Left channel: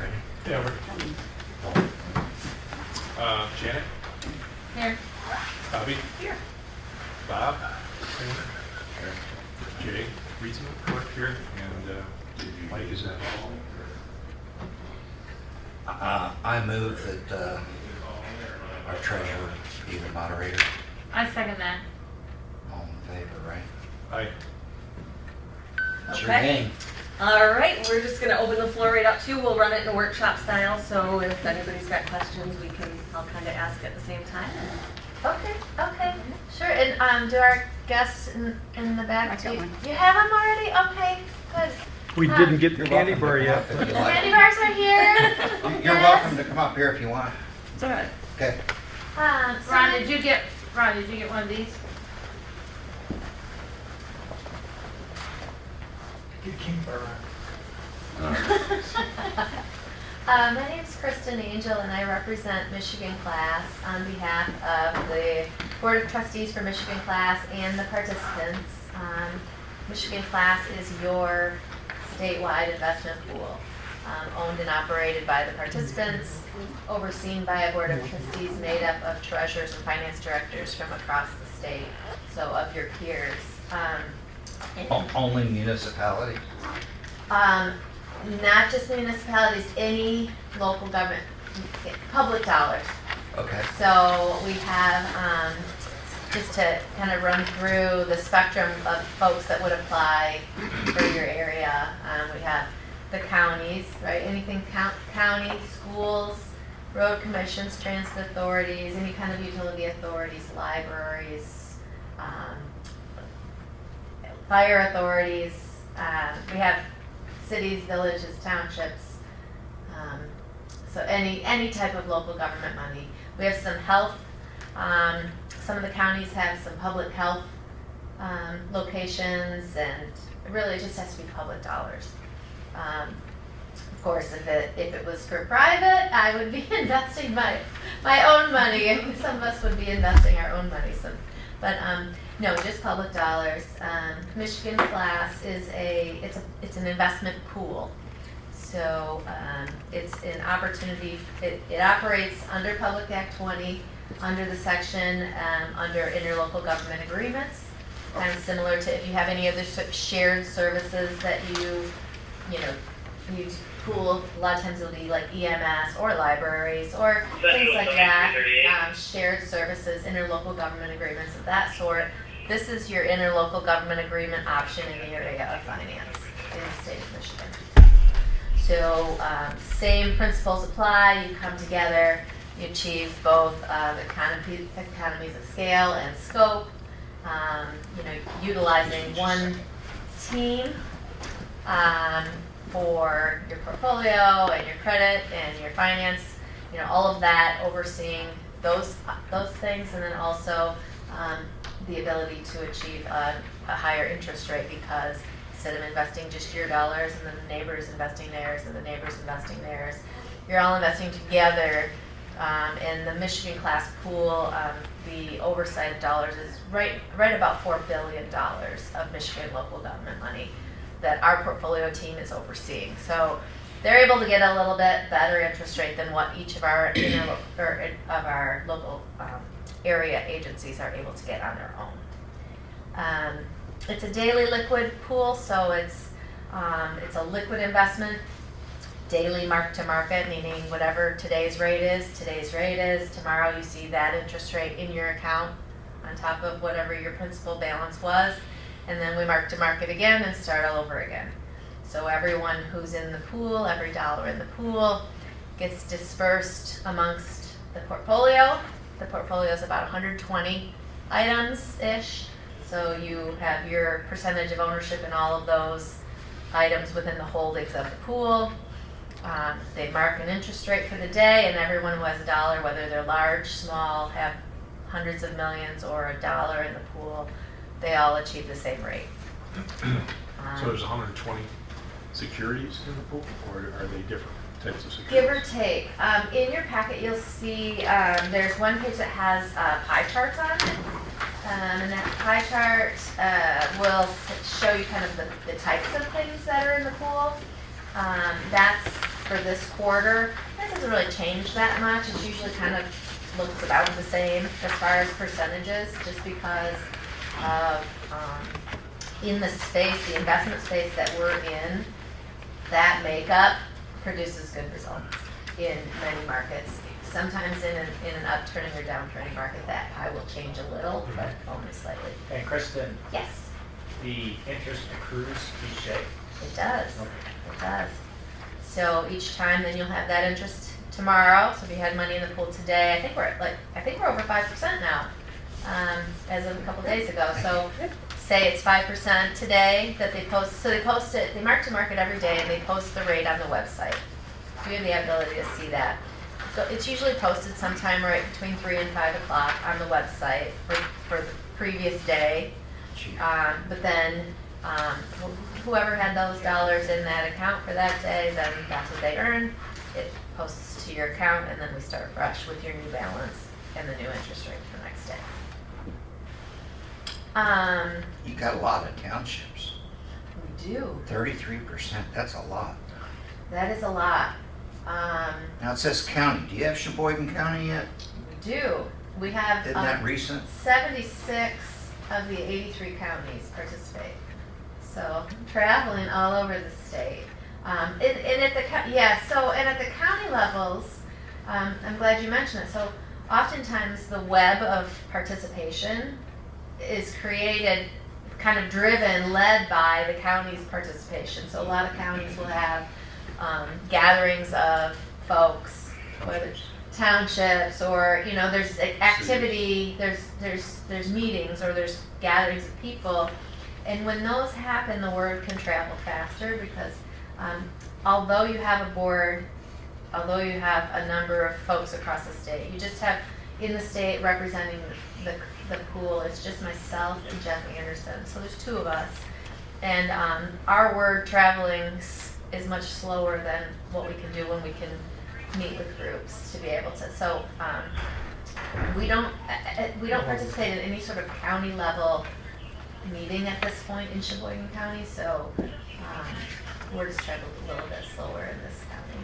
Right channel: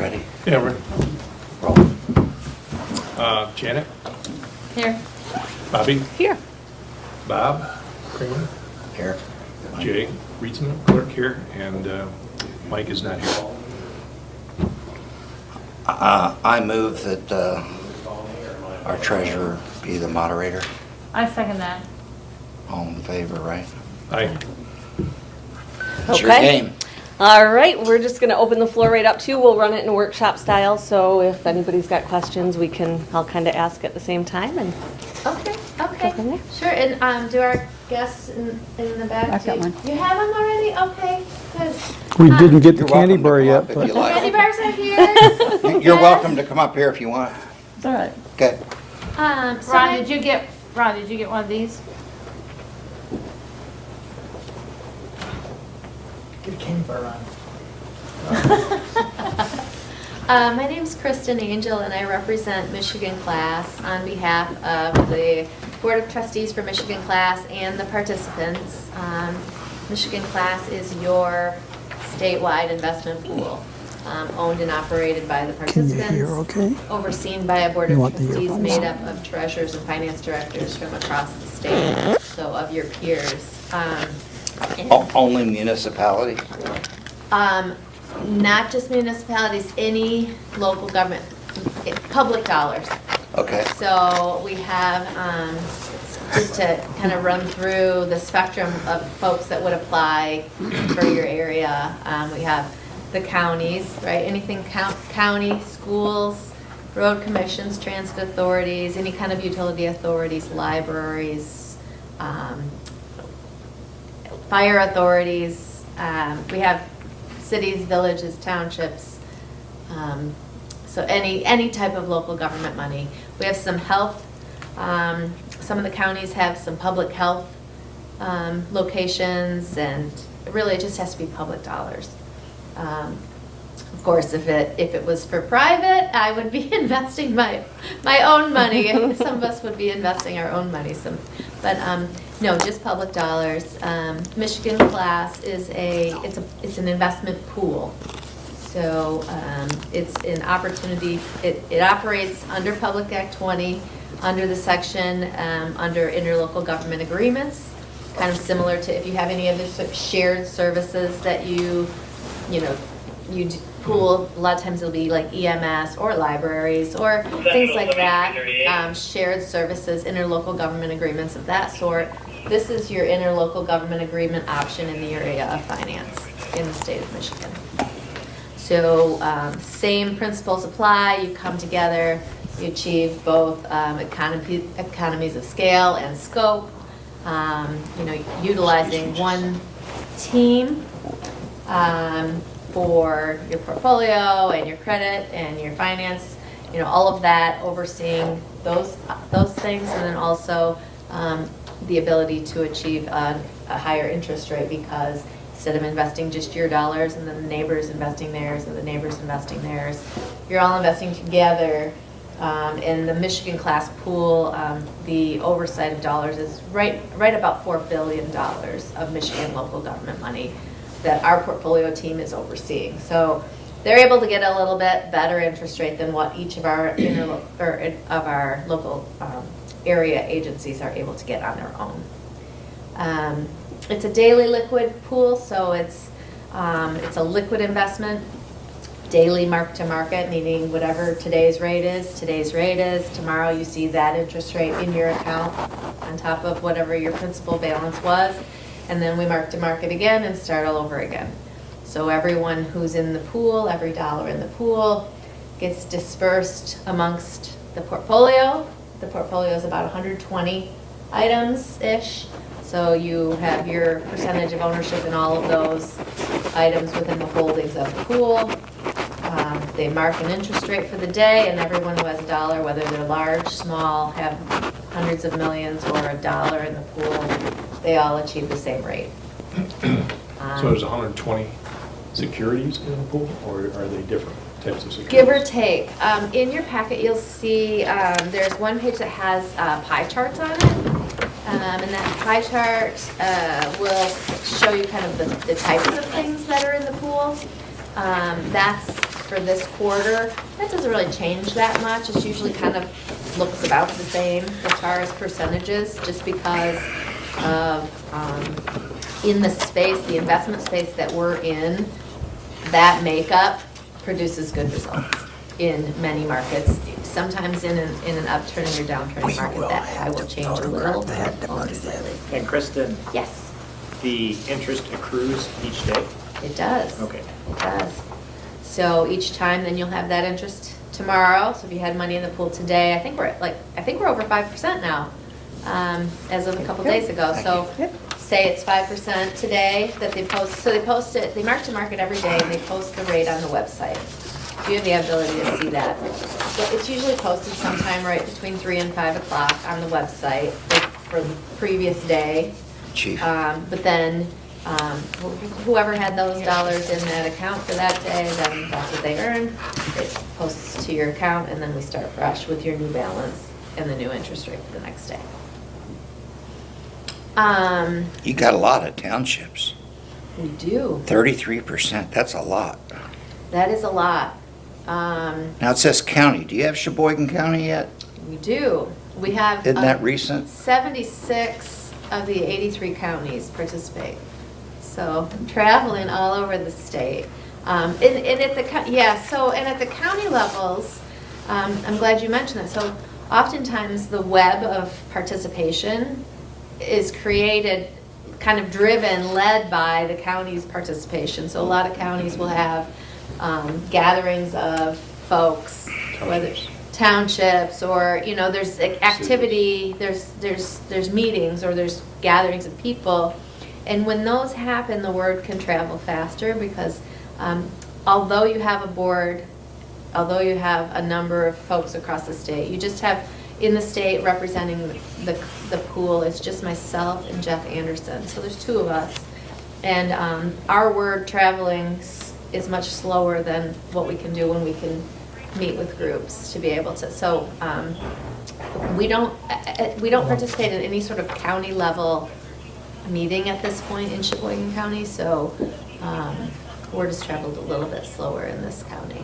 Ready? Yeah, we're Roll. Janet, Here. Bobby, Here. Bob, Kramer, Here. Jay, Rietzman, clerk here, and Mike is not here. I move that our treasurer be the moderator. I second that. All in favor, right? Aye. It's your Okay. game. All right, we're just going to open the floor right up too. We'll run it in workshop style, so if anybody's got questions, I'll kind of ask at the same time. And Okay, okay, from there. sure, and do our guests in the back I've got too? one. You have them already? Okay, good. We didn't get the You're candy welcome to bar come yet, up if but you The candy like. bars are here. You're welcome to come up here if you want. All right. Okay. So Ron, did you get one of these? get a candy bar on. My name's Kristen Angel, and I represent Michigan Class on behalf of the Board of Trustees for Michigan Class and the participants. Michigan Class is your statewide investment pool, owned and operated by the Can you hear participants, okay? overseen by a Board You of want the Trustees earphones? made up of treasurers and finance directors from across the state, so of your peers. Only municipality? Not just municipalities, any local government, public dollars. Okay. So we have, just to kind of run through the spectrum of folks that would apply for your area, we have the counties, right? Anything county, schools, road commissions, transit authorities, any kind of utility authorities, libraries, fire authorities. We have cities, villages, townships, so any type of local government money. We have some health, some of the counties have some public health locations, and really it just has to be public dollars. Of course, if it was for private, I would be investing my own money. Some of us would be investing our own money. But no, just public dollars. Michigan Class is it's an investment pool. So it's an opportunity. It operates under Public Act 20, under the section under interlocal government agreements. Kind of similar to if you have any other shared services that you pool. A lot of times it'll be like EMS or libraries or things like that. Shared services, interlocal government agreements of that sort. This is your interlocal government agreement option in the area of finance in the state of Michigan. So same principles apply. You come together, you achieve both economies of scale and scope. Utilizing one team for your portfolio and your credit and your finance, all of that, overseeing those things, and then also the ability to achieve a higher interest rate, because instead of investing just your dollars and then the neighbors investing theirs and the neighbors investing theirs, you're all investing together. In the Michigan Class pool, the oversight of dollars is right about $4 billion of Michigan local government money that our portfolio team is overseeing. So they're able to get a little bit better interest rate than what each of our local area agencies are able to get on their own. It's a daily liquid pool, so it's a liquid investment. Daily mark to market, meaning whatever today's rate is, tomorrow you see that interest rate in your account on top of whatever your principal balance was, and then we mark to market again and start all over again. So everyone who's in the pool, every dollar in the pool gets dispersed amongst the portfolio. The portfolio is about 120 items-ish, so you have your percentage of ownership in all of those items within the holdings of the pool. They mark an interest rate for the day, and everyone who has a dollar, whether they're large, small, have hundreds of millions, or a dollar in the pool, they all achieve the same rate. So there's 120 securities in the pool, or are they different types of securities? Give or take. In your packet, you'll see there's one page that has pie charts on it. And that pie chart will show you kind of the types of things that are in the pool. That's for this quarter. That doesn't really change that much. It's usually kind of looks about the same as far as percentages, just because of, in the space, the investment space that we're in, that makeup produces good results in many markets. Sometimes in an upturning or downturning market, that I will change a little, but only slightly. And Kristen, Yes, the interest accrues each day? it does. Okay. It does. So each time, then you'll have that interest tomorrow. So if you had money in the pool today, I think we're over 5% now, as of a couple days ago. So say it's 5% today that they post. So they mark to market every day and they post the rate on the website. You have the ability to see that. So it's usually posted sometime right between 3 and 5 o'clock on the website for the previous day. Chief. But then, whoever had those dollars in that account for that day, then that's what they earn. It posts to your account, and then we start fresh with your new balance and the new interest rate for the next day. You got a lot of townships. We do. 33%, that's a lot. That is a lot. Now it says county. Do you have Sheboygan County yet? We do. We have. Isn't that recent? 76 of the 83 counties participate. So I'm traveling all over the state. And at the county levels, I'm glad you mentioned it. So oftentimes the web of participation is created, kind of driven, led by the county's participation. So a lot of counties will have gatherings of folks, whether townships or, there's like activity, there's meetings or there's gatherings of people. And when those happen, the word can travel faster because although you have a board, although you have a number of folks across the state, you just have in the state representing the pool, it's just myself and Jeff Anderson. So there's 2 of us. And our word traveling is much slower than what we can do when we can meet with groups to be able to. So we don't participate in any sort of county level meeting at this point in Sheboygan County. So word has traveled a little bit slower in this county,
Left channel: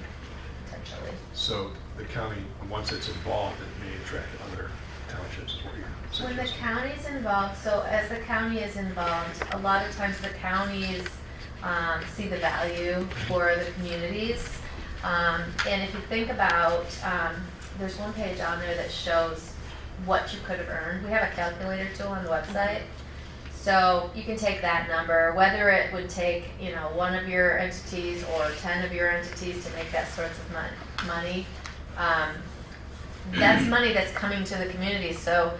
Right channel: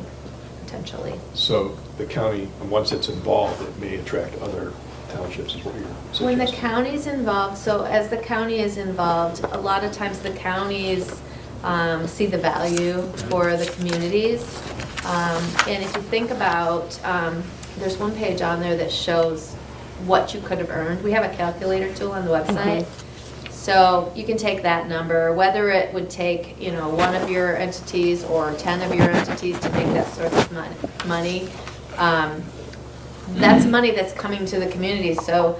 potentially. So the county, once it's involved, it may attract other townships, is what you're When the suggesting. county's involved, so as the county is involved, a lot of times the counties see the value for the communities. And if you think about, there's one page on there that shows what you could have earned. We have a calculator tool on the website. So you can take that number, whether it would take, one of your entities or 10 of your entities to make that sort of money. That's money that's coming to the community. So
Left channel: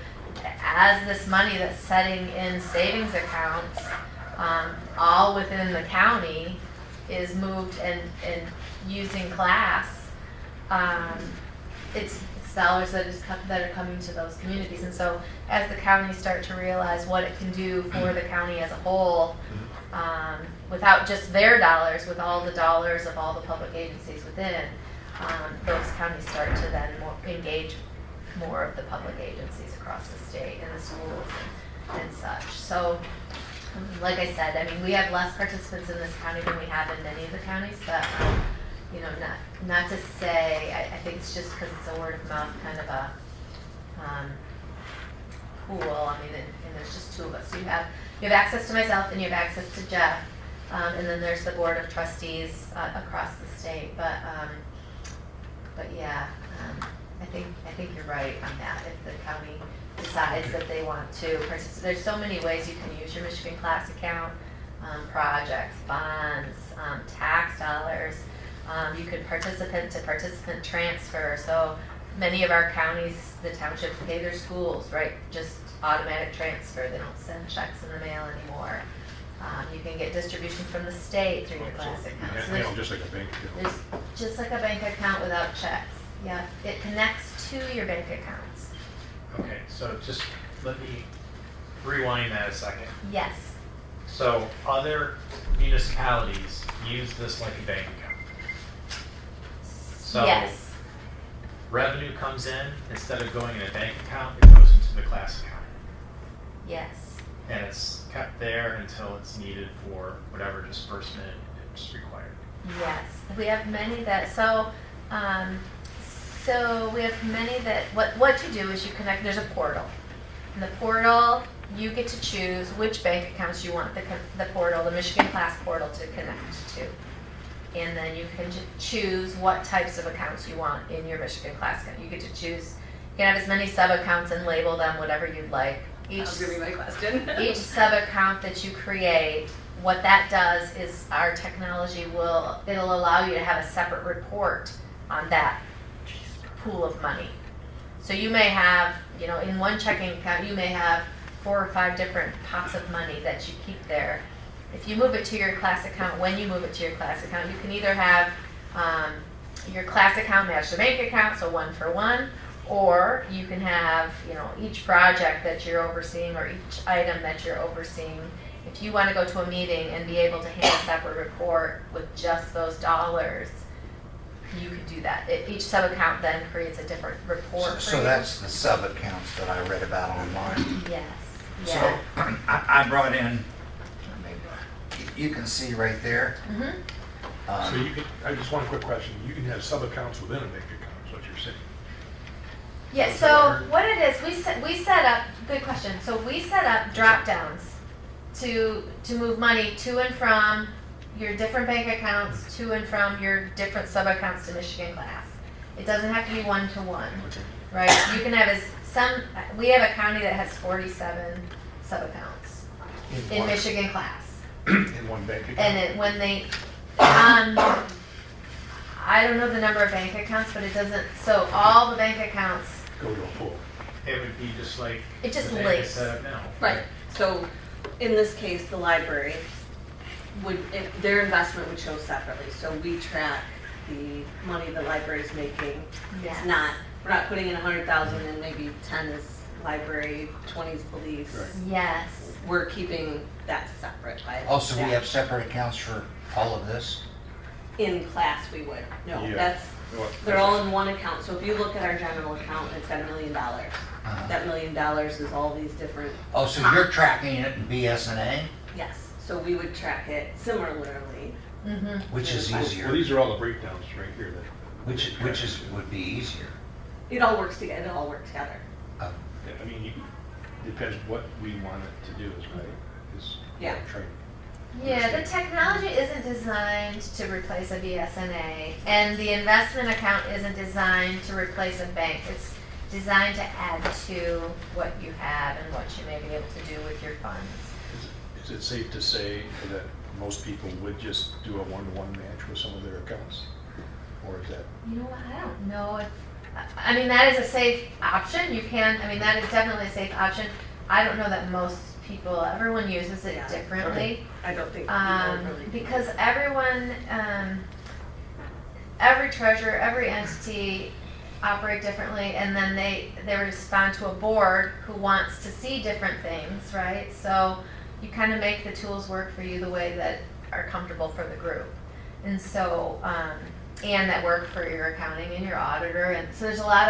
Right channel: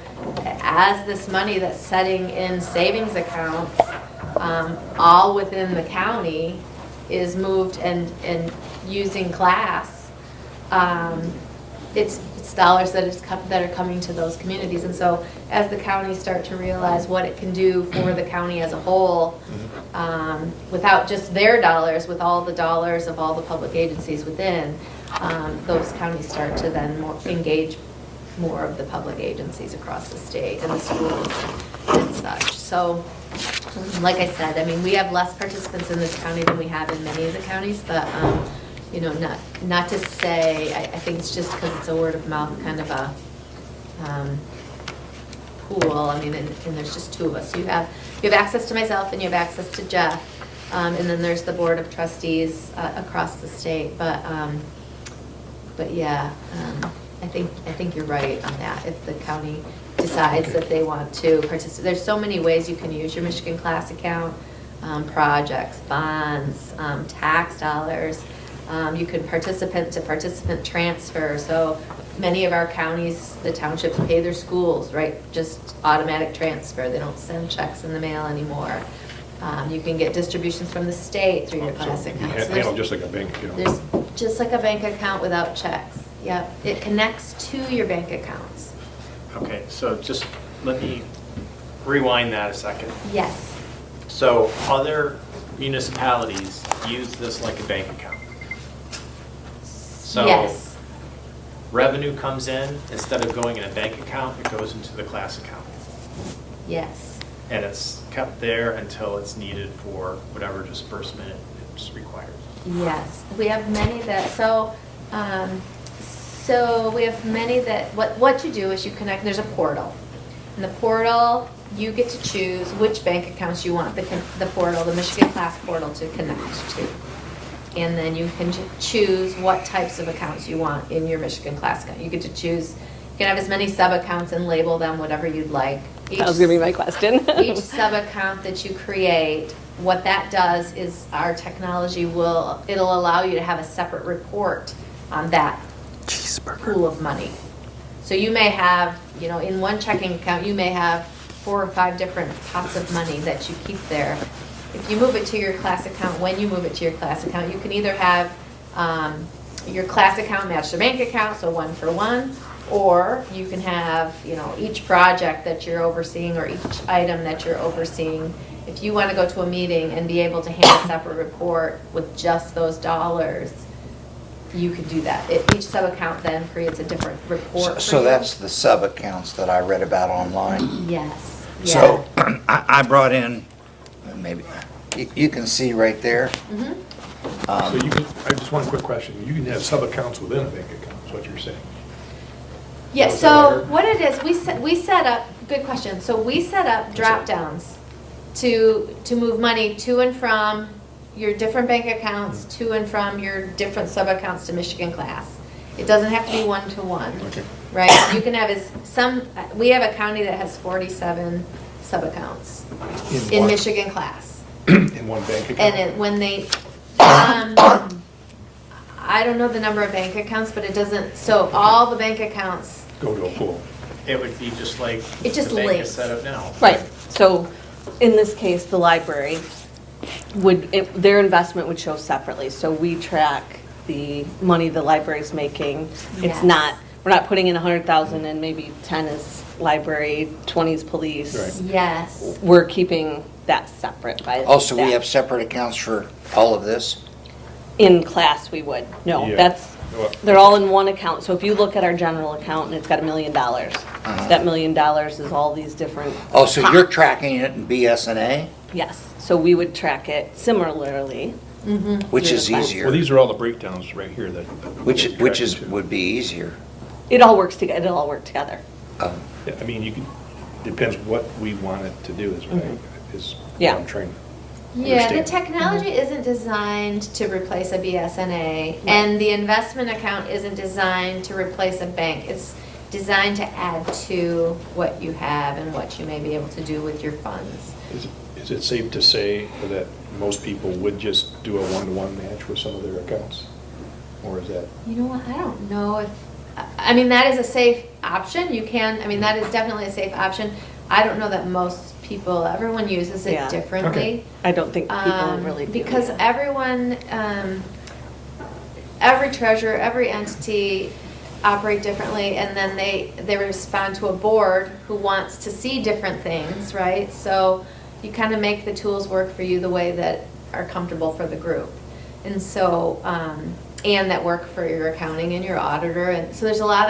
as this money that's setting in savings accounts, all within the county is moved and using class, it's dollars that are coming to those communities. And so as the counties start to realize what it can do for the county as a whole, without just their dollars, with all the dollars of all the public agencies within, those counties start to then engage more of the public agencies across the state and the schools and such. So, like I said, we have less participants in this county than we have in many of the counties, but not to say, I think it's just because it's a word of mouth kind of a pool. And there's just 2 of us. So you have access to myself and you have access to Jeff, and then there's the board of trustees across the state. But yeah, I think you're right on that. If the county decides that they want to participate, there's so many ways you can use your Michigan Class account, projects, bonds, tax dollars. You can participant-to-participant transfer. So many of our counties, the townships pay their schools, right? Just automatic transfer. They don't send checks in the mail anymore. You can get distributions from the state through your class account. So Handle just like a bank account. there's just like a bank account without checks. Yep, it connects to your bank accounts. Okay, so just let me rewind that a second. Yes, So other municipalities use this like a bank account. So yes, revenue comes in, instead of going in a bank account, it goes into the class account. yes, And it's kept there until it's needed for whatever disbursement is required. Yes, we have many that, so we have many that, what you do is you connect, there's a portal. In the portal, you get to choose which bank accounts you want the portal, the Michigan Class portal to connect to. And then you can choose what types of accounts you want in your Michigan Class account. You get to choose, you can have as many sub-accounts and label them whatever you'd like. That was gonna be my question. Each sub-account that you create, what that does is our technology it'll allow you to have a separate report on that pool of money. So you may have, in one checking account, you may have 4 or 5 different pots of money that you keep there. If you move it to your class account, when you move it to your class account, you can either have your class account match the bank account, so 1 for 1, or you can have, each project that you're overseeing or each item that you're overseeing. If you want to go to a meeting and be able to hand a separate report with just those dollars, you could do that. Each sub-account then creates a different report. So that's the sub-accounts that I read about online. Yes. So I brought in, maybe, you can see right there. Mhm. So you can, I just one quick question. You can have sub-accounts within a bank account, is what you're saying. Yeah, Is that so right? what it is, we set up, good question, so we set up drop-downs to move money to and from your different bank accounts, to and from your different sub-accounts to Michigan Class. It doesn't have to be one-to-one, Okay. right? You can have we have a county that has 47 sub-accounts in what? Michigan Class. In one bank account? And when they, I don't know the number of bank accounts, but it doesn't, so all the bank accounts, Go to a pool. It would be just like It just the bank links. is set up now. Right, so in this case, the library their investment would show separately, so we track the money the library's making. Yes. It's not, we're not putting in 100,000 and maybe 10 is library, 20 is police. Right. yes. We're keeping that separate by. Also, we that. have separate accounts for all of this? In class, we would. No, Yeah. that's, Well, they're all in one account. So if you look at our general account and it's got $1 million, Uh-huh. that $1 million is all these different. Oh, so you're pots. tracking it in BSNA, Yes, so we would track it similarly. Mm-hmm. which is Yeah. Well, easier, these are all the breakdowns right here that. which is, would be easier. It all works together, it'll all work together. Oh, Yeah, I mean, you can, depends what we want it to do is what Yeah. I'm trying. Yeah, the Understand. technology isn't designed to replace a BSNA, and the investment account isn't designed to replace a bank. It's designed to add to what you have and what you may be able to do with your funds. Is it safe to say that most people would just do a one-to-one match with some of their accounts? Or is that? You know what, I don't know if, I mean, that is a safe option. You can, I mean, that is definitely a safe option. I don't know that most people, everyone uses it Yeah. differently. I don't think people really do. Because everyone, every treasurer, every entity operate differently, and then they respond to a board who wants to see different things, right? So you kind of make the tools work for you the way that are comfortable for the group. And so, and that work for your accounting and your auditor, and so there's a lot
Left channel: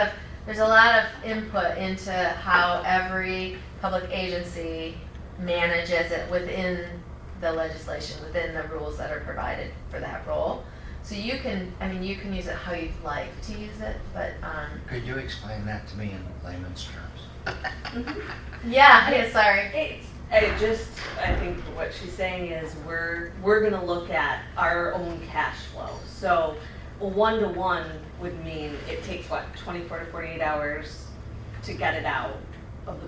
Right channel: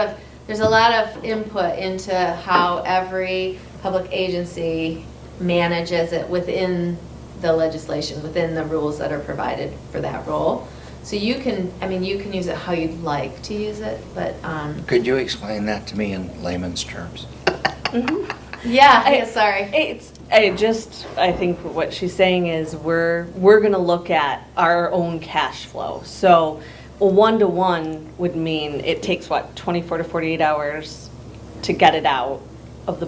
of input into how every public agency manages it within the legislation, within the rules that are provided for that role. So you can, I mean, you can use it how you'd like to use it, but, could you explain that to me in layman's terms? yeah, sorry. I think what she's saying is we're gonna look at our own cash flow. So a one-to-one would mean it takes 24 to 48 hours to get it out of the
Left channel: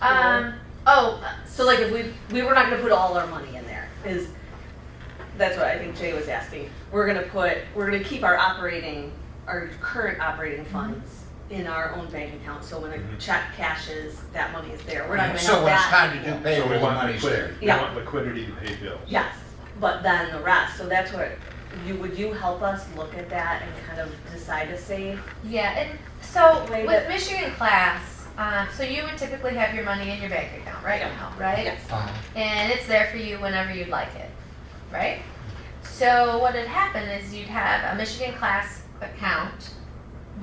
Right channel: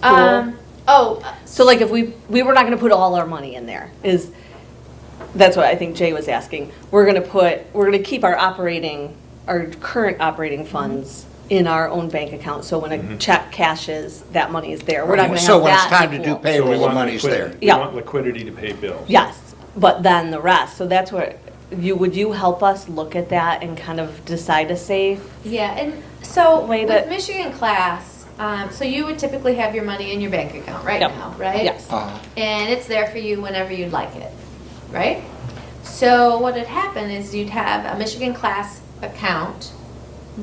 pool. So like if we were not gonna put all our money in there, that's what I think Jay was asking. We're gonna keep our current operating funds in our own bank account, so when a check cashes, that money is there. We're not gonna have that. So when it's time to in the do pool. payroll, So we the want money's liquidity- there. We Yeah. want liquidity to pay bills. Yes, but then the rest, so that's what, would you help us look at that and kind of decide a safe? Yeah, and so Way with that- Michigan Class, so you would typically have your money in your bank account right Yep. now, right? Yes. Uh-huh. And it's there for you whenever you'd like it, right? So what would happen is you'd have a Michigan Class account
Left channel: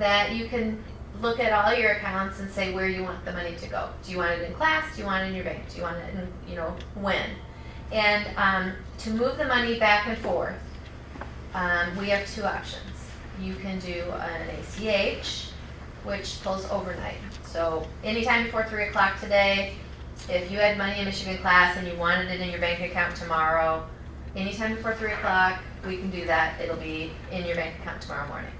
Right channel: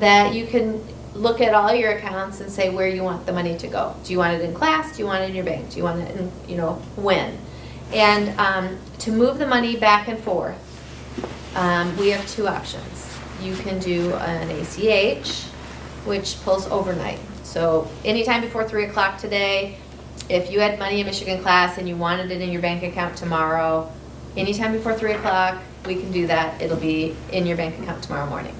that you can look at all your accounts and say where you want the money to go. Do you want it in class? Do you want it in your bank? Do you want it in, when? And to move the money back and forth, We have two options. You can do an ACH, which pulls overnight. So anytime before 3 o'clock today, if you had money in Michigan class and you wanted it in your bank account tomorrow, anytime before 3 o'clock, we can do that. It'll be in your bank account tomorrow morning.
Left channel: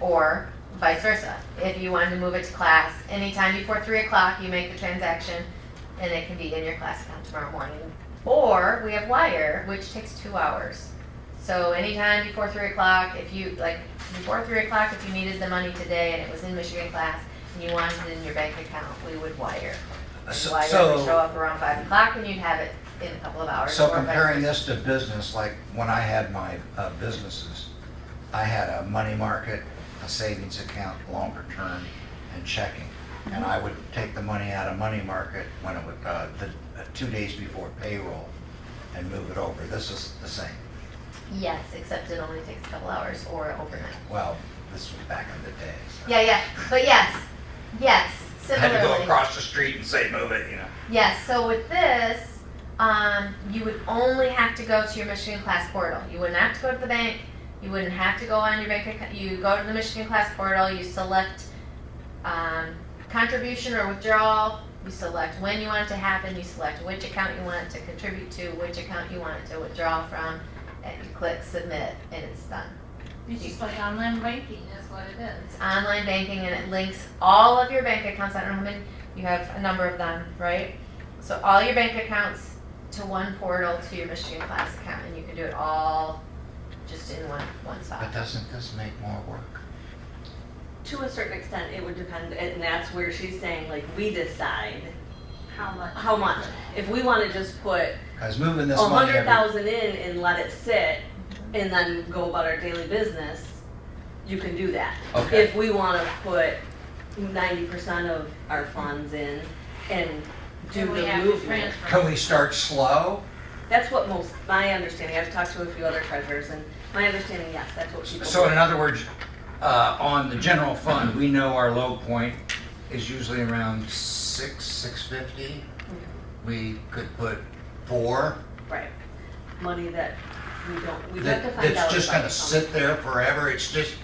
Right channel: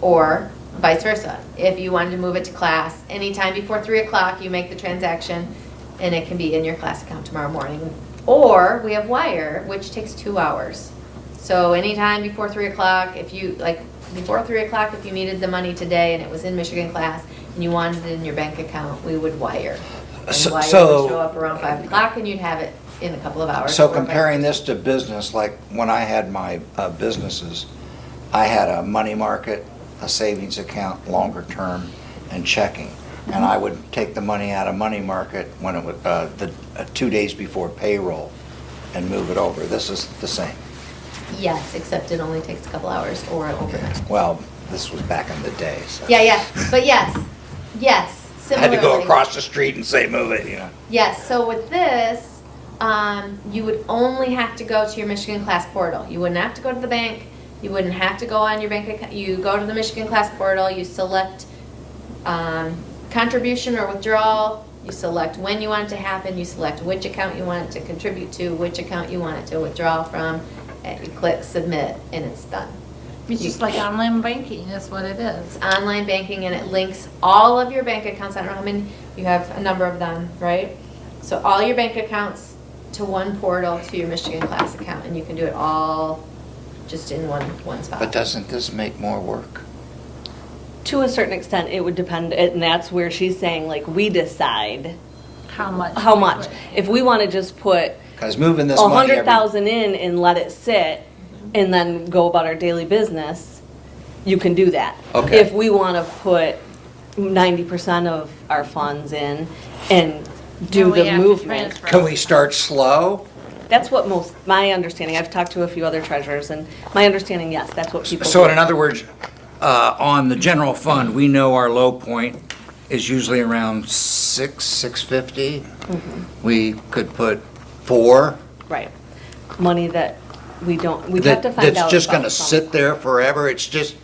Or vice versa. If you wanted to move it to class, anytime before 3 o'clock, you make the transaction and it can be in your class account tomorrow morning. Or we have Wire, which takes 2 hours. So anytime before 3 o'clock, if you, like, before 3 o'clock, if you needed the money today and it was in Michigan class and you wanted it in your bank account, we would Wire. And So- Wire so- would show up around 5 o'clock and you'd have it in a couple of hours. So or vice comparing versa. this to business, like when I had my businesses, I had a money market, a savings account, longer term, and checking. And I would take the money out of money market when it was 2 days before payroll and move it over. This is the same. Yes, except it only takes a couple hours or overnight. Well, this was back in the day, so. Yeah, but yes, I had similarly. to go across the street and say, move it, you know. Yes, so with this, you would only have to go to your Michigan Class portal. You wouldn't have to go to the bank. You wouldn't have to go on your bank account. You go to the Michigan Class portal, you select contribution or withdrawal, you select when you want it to happen, you select which account you want it to contribute to, which account you want it to withdraw from, and you click submit, and it's done. It's just like online banking, that's what it is. It's online banking and it links all of your bank accounts. I don't know how many, you have a number of them, right? So all your bank accounts to one portal to your Michigan Class account, and you can do it all just in one spot. But doesn't this make more work? To a certain extent, it would depend, and that's where she's saying, like, we decide How much? how much. If we want to just put Because moving this a money every... 100,000 in and let it sit and then go about our daily business, you can do that. Okay. If we want to put 90% of our funds in and do Then we the have to movement. transfer. Can we start slow? That's what my understanding, I've talked to a few other treasurers, and my understanding, yes, that's what people do. So in other words, on the general fund, we know our low point is usually around 650. Mm-hmm. We could put 4. Right. Money that we don't, we'd have to find out. That's just about gonna some. sit there forever. It's just,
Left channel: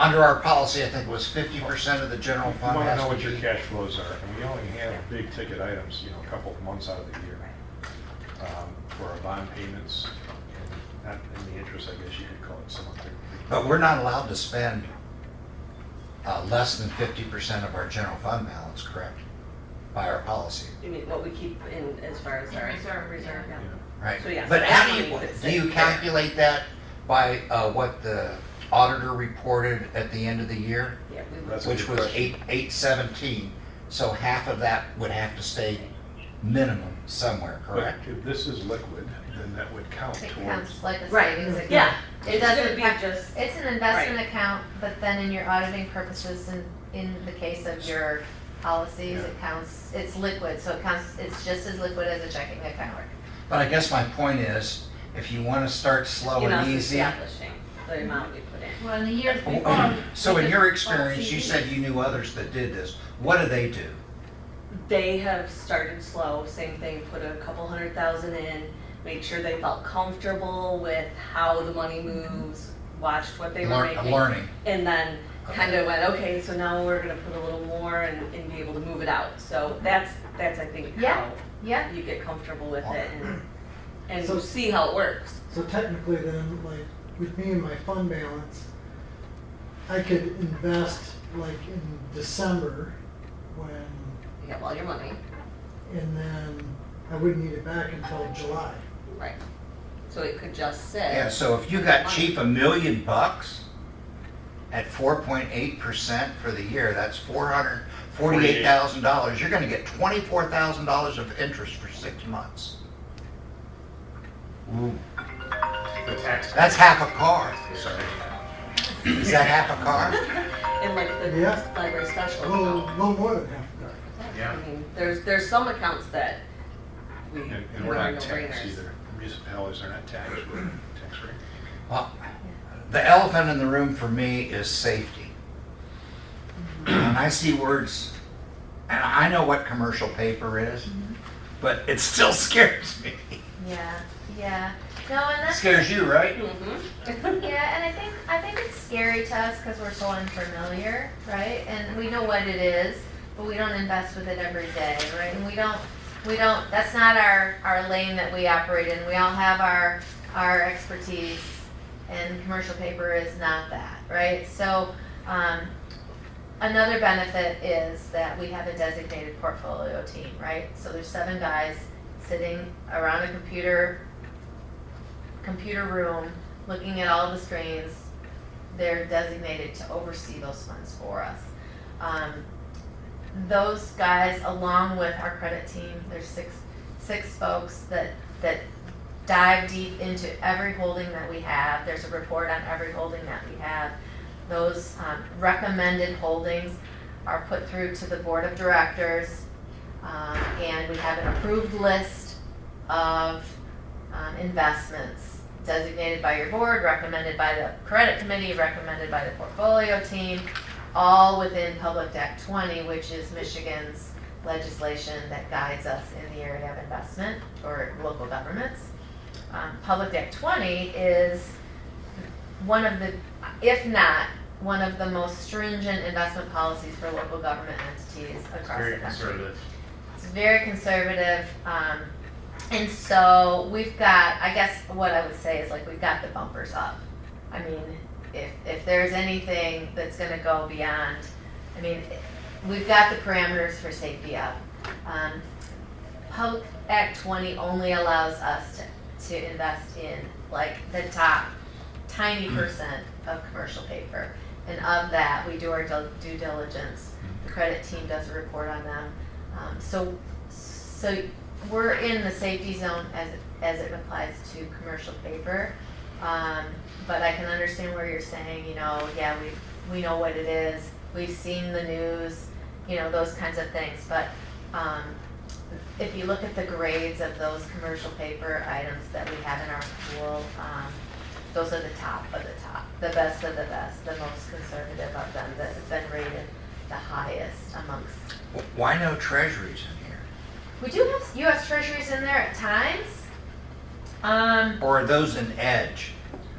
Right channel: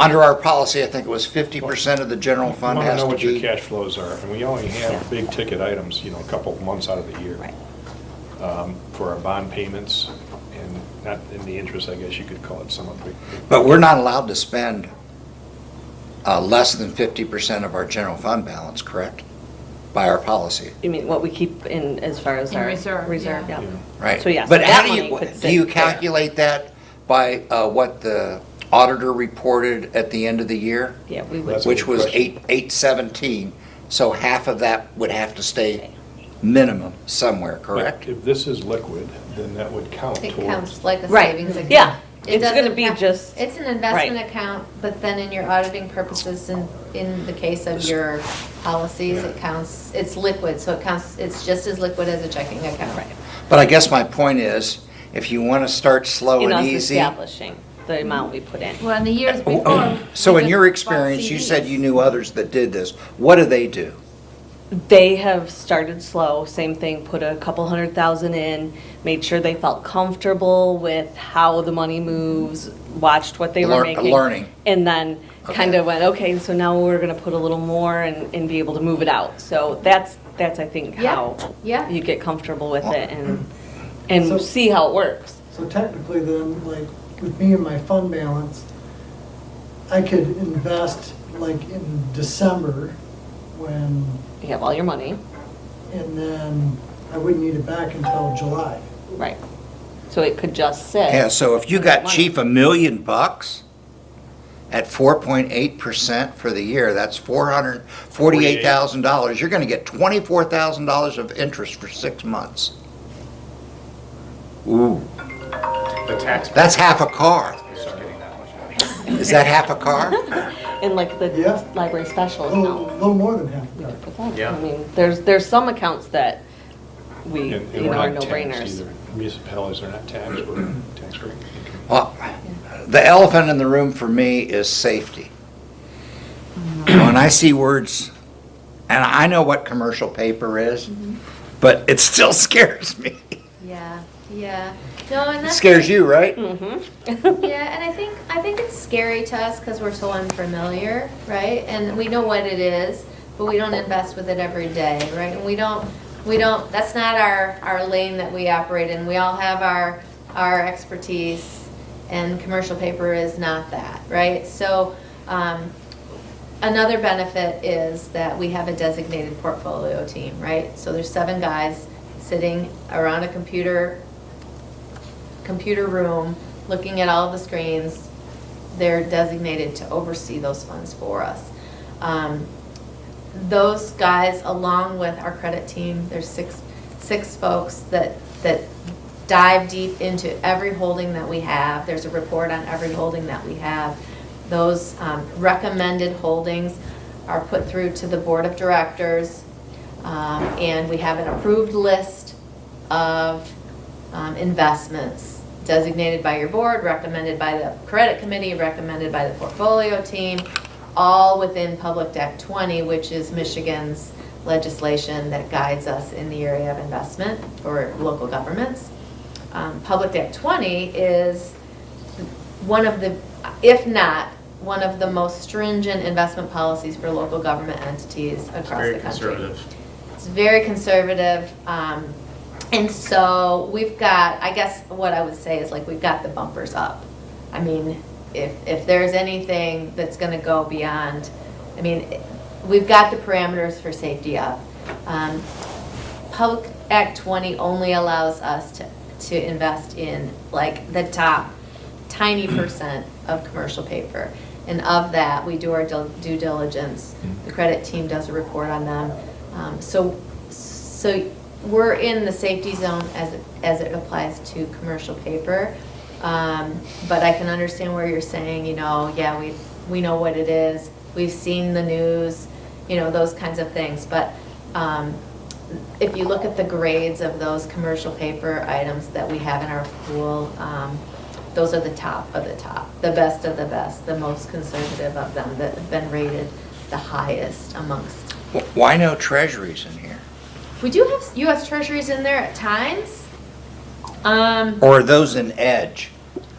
under our policy, I think it was 50% of the general You fund want to has know to what your be. cash flows are, and we only Yeah. have big ticket items, you know, a couple of months out of the year. Right. For our bond payments, and not in the interest, I guess you could call it some of the. But we're not allowed to spend less than 50% of our general fund balance, correct? By our policy, You mean what we keep in as far as In our reserve, reserve, yeah. yeah. right? So, yes, But that how do money you, could do sit you there. calculate that by what the auditor reported at the end of the year? Yeah, we would. That's a Which good was question. 817, so half of that would have to stay minimum somewhere, But correct? if this is liquid, then that would count It towards. counts like a Right. savings account. Yeah. It It's gonna doesn't be have- just- It's an investment right. account, but then in your auditing purposes, in the case of your policies, it counts, it's liquid, so it counts, it's just as liquid as a checking account. But I guess my point is, if you want to start slow You know, and it's easy. establishing the amount we put in. Well, in the years Oh, before. So we in just your bought experience, you CDs. said you knew others that did this. What do they do? They have started slow, same thing, put a couple 100,000 in, made sure they felt comfortable with how the money moves, watched what they were making. Learning. And then kind Okay. of went, okay, so now we're gonna put a little more and be able to move it out. So that's I think Yeah. how Yeah. you get comfortable with it So- and see how it works. So technically then, like, with me and my fund balance, I could invest like in December when, You have all your money, and then I wouldn't need it back until July. right. So it could just sit. Yeah, so if you got chief $1 million at 4.8% for the year, that's $448,000. You're gonna get $24,000 of interest for 6 months. Ooh, The tax. that's half a car. Is that half a car? In like the Yeah. library A special little, account. little more than half We a could car. put that. Yeah. I mean, there's some accounts that we, And you we're know, are not no taxed brainers. either. Municipalities are not taxed, we're tax-free. Well, the elephant in the room for me is safety. When I see words, and I know what commercial paper is, but it still scares me. Yeah. No, and that's. Scares you, right? Mm-hmm. Yeah, and I think it's scary to us because we're so unfamiliar, right? And we know what it is, but we don't invest with it every day, right? And we don't, that's not our lane that we operate in. We all have our expertise, and commercial paper is not that, right? So, another benefit is that we have a designated portfolio team, right? So there's 7 guys sitting around a computer room, looking at all of the screens. They're designated to oversee those funds for us. Those guys, along with our credit team, there's six folks that dive deep into every holding that we have. There's a report on every holding that we have. Those recommended holdings are put through to the board of directors, and we have an approved list of investments designated by your board, recommended by the credit committee, recommended by the portfolio team, all within Public Act 20, which is Michigan's legislation that guides us in the area of investment for local governments. Public Act 20 is one of the, if not, one of the most stringent investment policies for local government entities across Very the country. conservative. It's very conservative. And so we've got, I guess what I would say is like we've got the bumpers up. I mean, if there's anything that's gonna go beyond, I mean, we've got the parameters for safety up. Public Act 20 only allows us to invest in like the top tiny percent of commercial paper. And of that, we do our due diligence. The credit team does a report on them. So we're in the safety zone as it applies to commercial paper. But I can understand where you're saying, yeah, we know what it is. We've seen the news, those kinds of things. But if you look at the grades of those commercial paper items that we have in our pool, those are the top of the top, the best of the best, the most conservative of them that have been rated the highest amongst. Why no treasuries in here? We do have U.S. Treasuries in there at times. Or are those in Edge?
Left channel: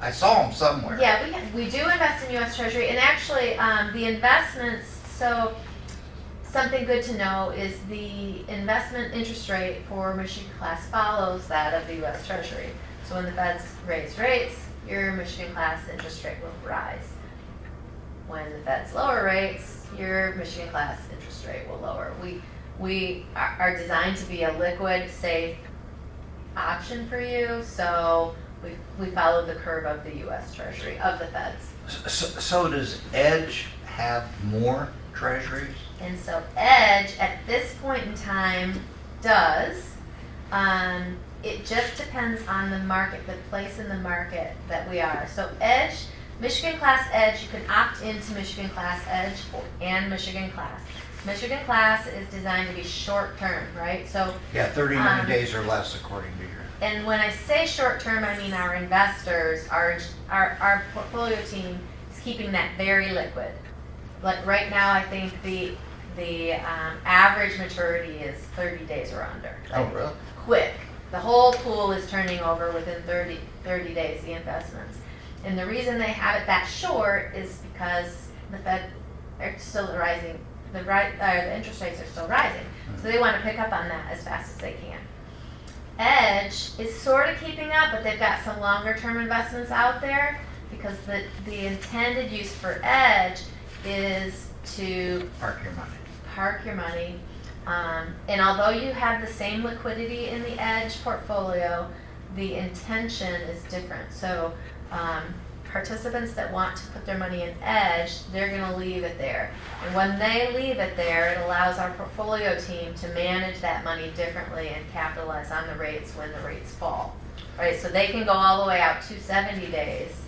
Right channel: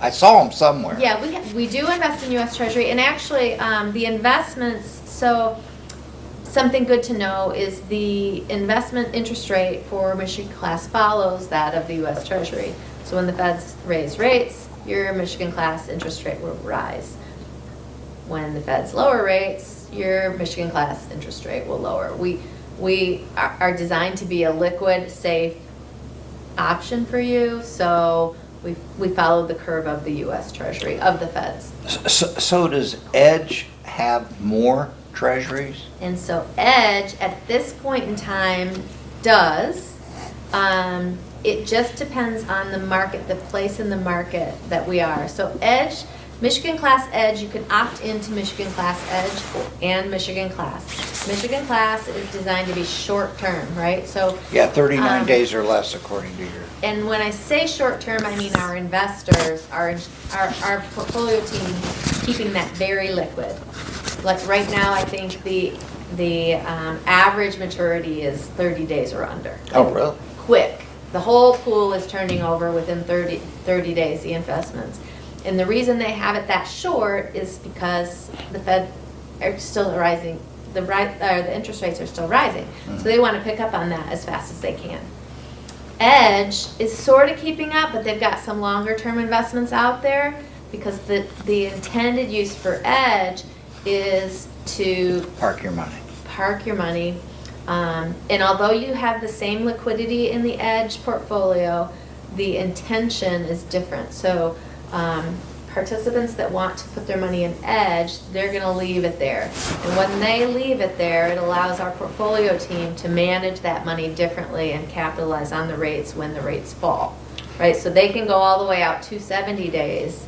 I saw them somewhere. Yeah, we do invest in U.S. Treasury, and actually, the investments, so something good to know is the investment interest rate for Michigan Class follows that of the U.S. Treasury. So when the feds raise rates, your Michigan Class interest rate will rise. When the feds lower rates, your Michigan Class interest rate will lower. We are designed to be a liquid, safe option for you, so we follow the curve of the U.S. Treasury, of the feds. So does Edge have more treasuries? And so Edge, at this point in time, does. It just depends on the market, the place in the market that we are. So Edge, Michigan Class Edge, you can opt into Michigan Class Edge and Michigan Class. Michigan Class is designed to be short-term, right? So. Yeah, 39 days or less according to your. And when I say short-term, I mean our investors, our portfolio team, keeping that very liquid. Like right now, I think the average maturity is 30 days or under. Oh, really? Quick. The whole pool is turning over within 30 days, the investments. And the reason they have it that short is because the Fed are still rising, the interest rates are still rising. So they want to pick up on that as fast as they can. Edge is sort of keeping up, but they've got some longer term investments out there because the intended use for Edge is to Park your money. park your money. And although you have the same liquidity in the Edge portfolio, the intention is different. So participants that want to put their money in Edge, they're going to leave it there. And when they leave it there, it allows our portfolio team to manage that money differently and capitalize on the rates when the rates fall. Right? So they can go all the way out to 70 days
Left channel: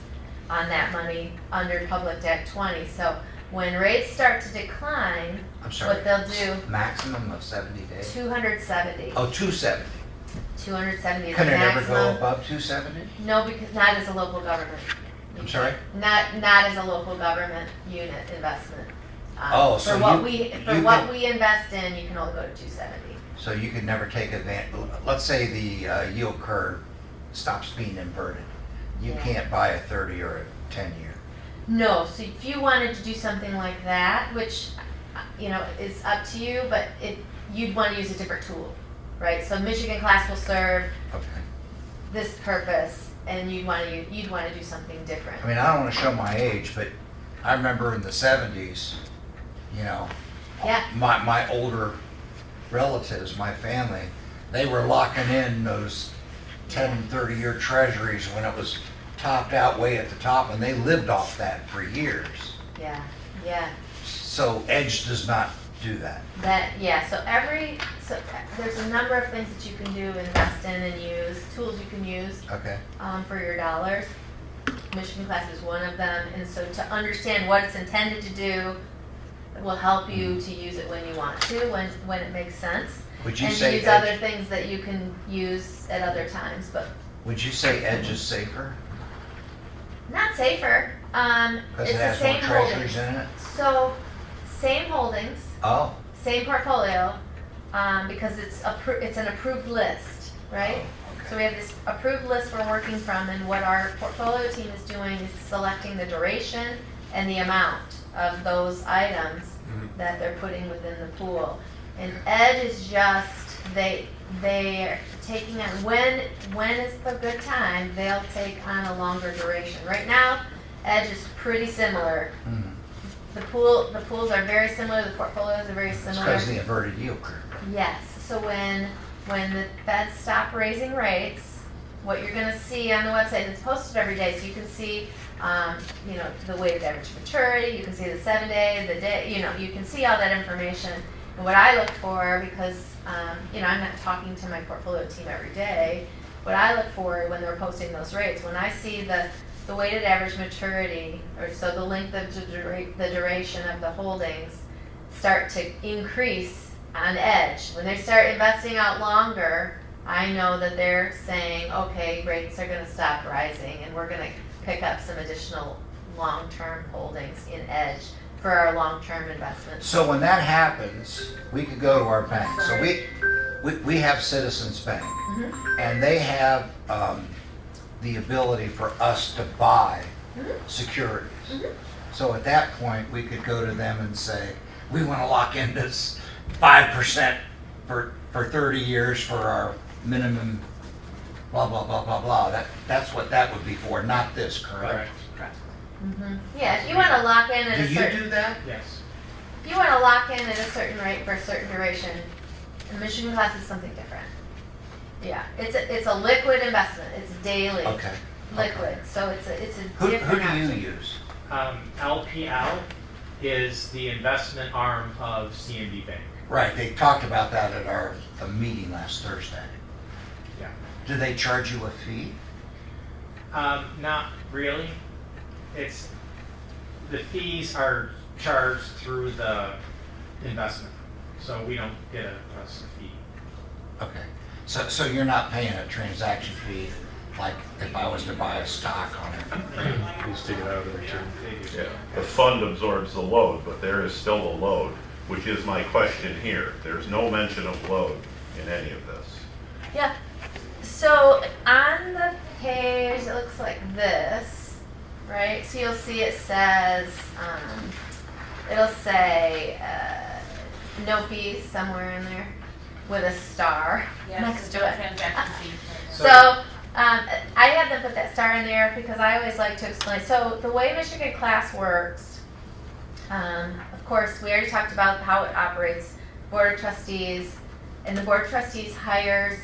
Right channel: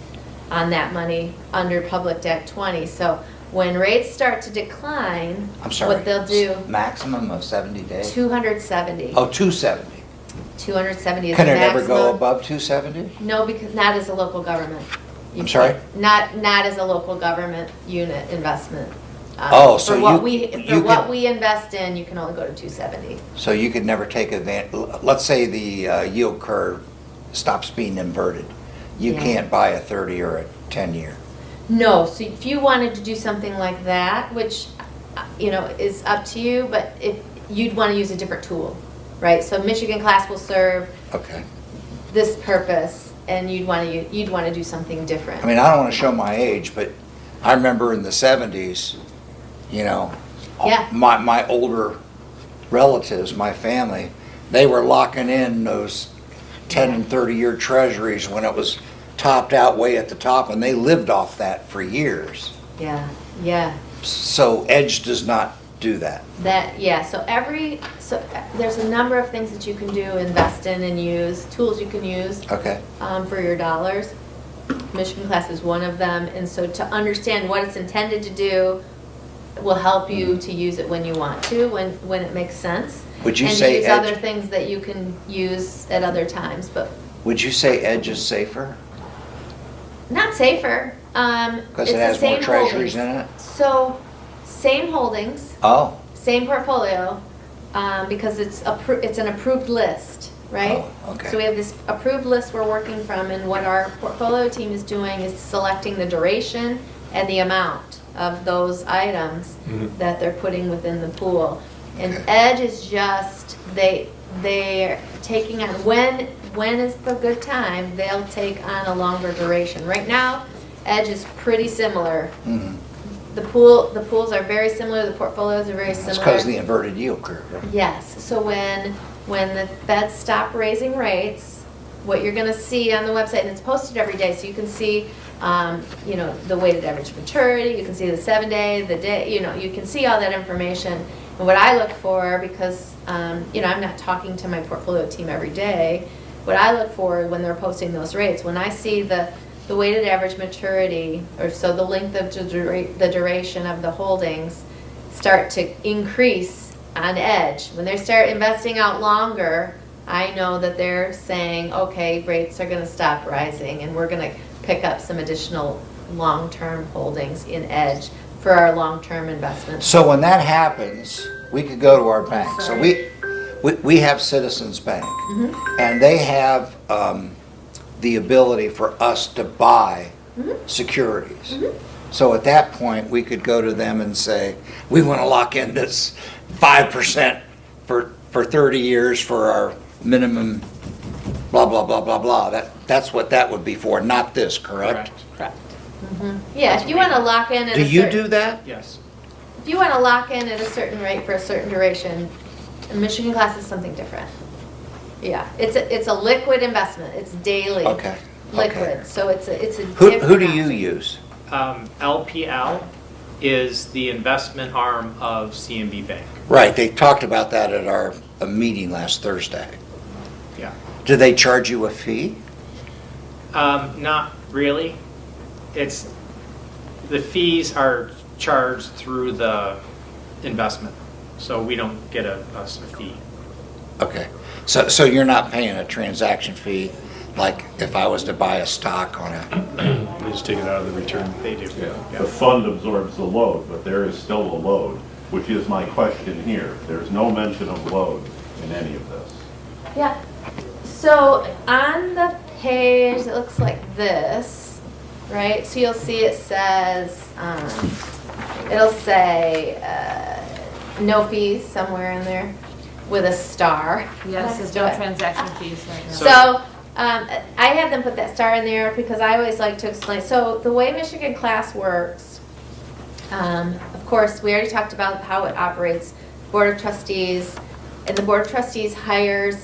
on that money under Public Act 20. So when rates start to decline, I'm sorry. what they'll do, Maximum of 70 days? 270. Oh, 270. 270 is the Can it maximum. ever go above 270? No, because not as a local government. I'm sorry? Not as a local government unit investment. So for what you we invest in, you can only go to 270. So you could never take advantage, let's say the yield curve stops being inverted. You Yeah. can't buy a 30 or a 10-year. No, so if you wanted to do something like that, which, is up to you, but if, you'd want to use a different tool, right? So Michigan Class will serve Okay. this purpose, and you'd want to do something different. I mean, I don't want to show my age, but I remember in the 70s, Yeah. my older relatives, my family, they were locking in those 10 and 30-year treasuries when it was topped out way at the top, and they lived off that for years. Yeah, yeah. So Edge does not do that. So there's a number of things that you can do, invest in and use, tools you can use Okay. for your dollars. Michigan Class is one of them, and so to understand what it's intended to do will help you to use it when you want to, when it makes sense. Would you and say use Edge- other things that you can use at other times, but Would you say Edge is safer? not safer. Because It's it the has more same treasuries holdings. in it? So, same holdings, Oh. same portfolio, because it's an approved list, right? Oh, okay. So we have this approved list we're working from, and what our portfolio team is doing is selecting the duration and the amount of those items Mhm. that they're putting within the pool. And Okay. Edge is just, they're taking on, when is the good time, they'll take on a longer duration. Right now, Edge is pretty similar. Mhm. The pools are very similar, the portfolios are very It's similar. because of the inverted yield curve. Yes, so when the feds stop raising rates, what you're gonna see on the website, and it's posted every day, so you can see, the weighted average maturity, you can see the 7-day, the day, you can see all that information. And what I look for, because, I'm not talking to my portfolio team every day, what I look for when they're posting those rates, when I see the weighted average maturity, or so the length of the duration of the holdings start to increase on Edge. When they start investing out longer, I know that they're saying, okay, rates are gonna stop rising, and we're gonna pick up some additional long-term holdings in Edge for our long-term investments. So when that happens, we could go to our bank. So we have Citizens Bank, Mhm. and they have the ability for us to buy securities. So at that point, we could go to them and say, we want to lock in this 5% for 30 years for our minimum blah, blah, blah, blah, blah. That's what that would be for, not this, correct? Correct. Yeah, if you wanna lock in at Do a you certain, do that? Yes. if you wanna lock in at a certain rate for a certain duration, Michigan Class is something different. Yeah, it's a liquid investment, it's daily. Okay. Liquid, so it's a Who different do you option. use? LPL is the investment arm of CNB Bank. Right, they talked about that at our meeting last Thursday. Yeah. Do they charge you a fee? Not really. The fees are charged through the investment, so we don't get a fee. Okay, so you're not paying a transaction fee, like if I was to buy a stock on it? You just take it out of the return. They do. The fund absorbs the load, but there is still a load, which is my question here. There's no mention of load in any of this. Yeah, so on the page, it looks like this, right? So you'll see it says, it'll say, no fees somewhere in there with a star. Yes, next there's to no it. transaction fees right now. So, I had them put that star in there because I always like to explain. So the way Michigan Class works, of course, we already talked about how it operates, Board of Trustees, and the Board of Trustees hires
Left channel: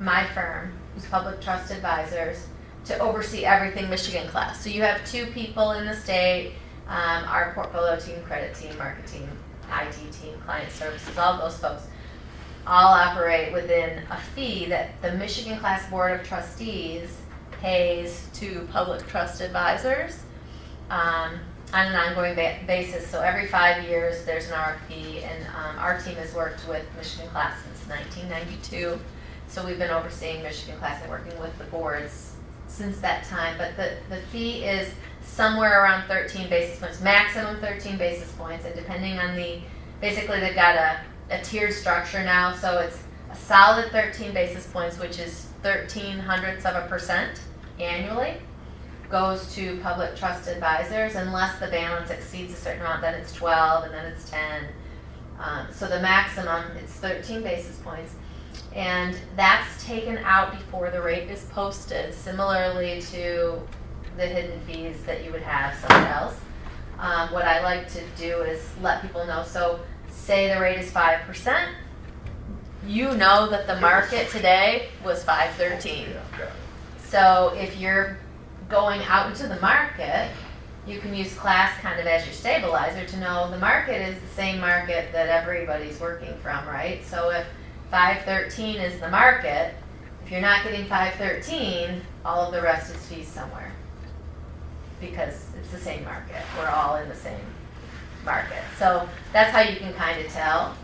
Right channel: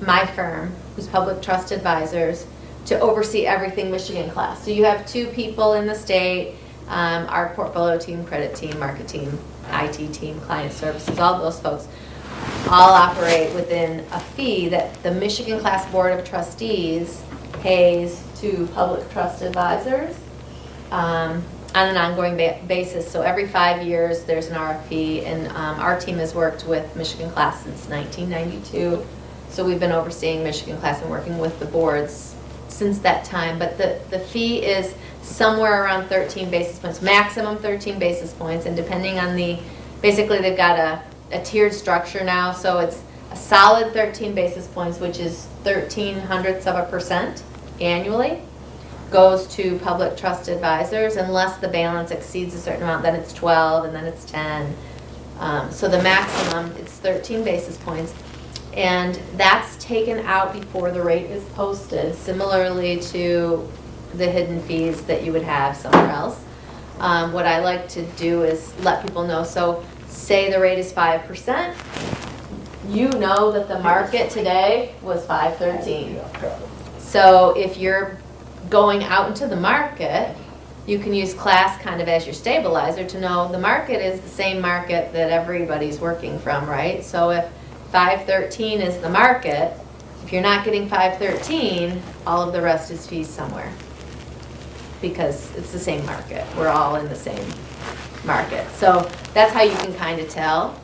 my firm, who's Public Trust Advisors, to oversee everything Michigan Class. So you have 2 people in the state, our portfolio team, credit team, market team, IT team, client services, all those folks all operate within a fee that the Michigan Class Board of Trustees pays to Public Trust Advisors on an ongoing basis. So every 5 years, there's an RFP, and our team has worked with Michigan Class since 1992. So we've been overseeing Michigan Class and working with the boards since that time. But the fee is somewhere around 13 basis points, maximum 13 basis points, and depending on basically they've got a tiered structure now, so it's a solid 13 basis points, which is 0.13% annually goes to public trust advisors unless the balance exceeds a certain amount, then it's 12 and then it's 10. So the maximum, it's 13 basis points. And that's taken out before the rate is posted, similarly to the hidden fees that you would have somewhere else. What I like to do is let people know, so say the rate is 5%, you know that the market today was 5.13. So if you're going out into the market, you can use class kind of as your stabilizer to know the market is the same market that everybody's working from, right? So if 5.13 is the market, if you're not getting 5.13, all of the rest is fees somewhere. Because it's the same market. We're all in the same market. So that's how you can kind of tell.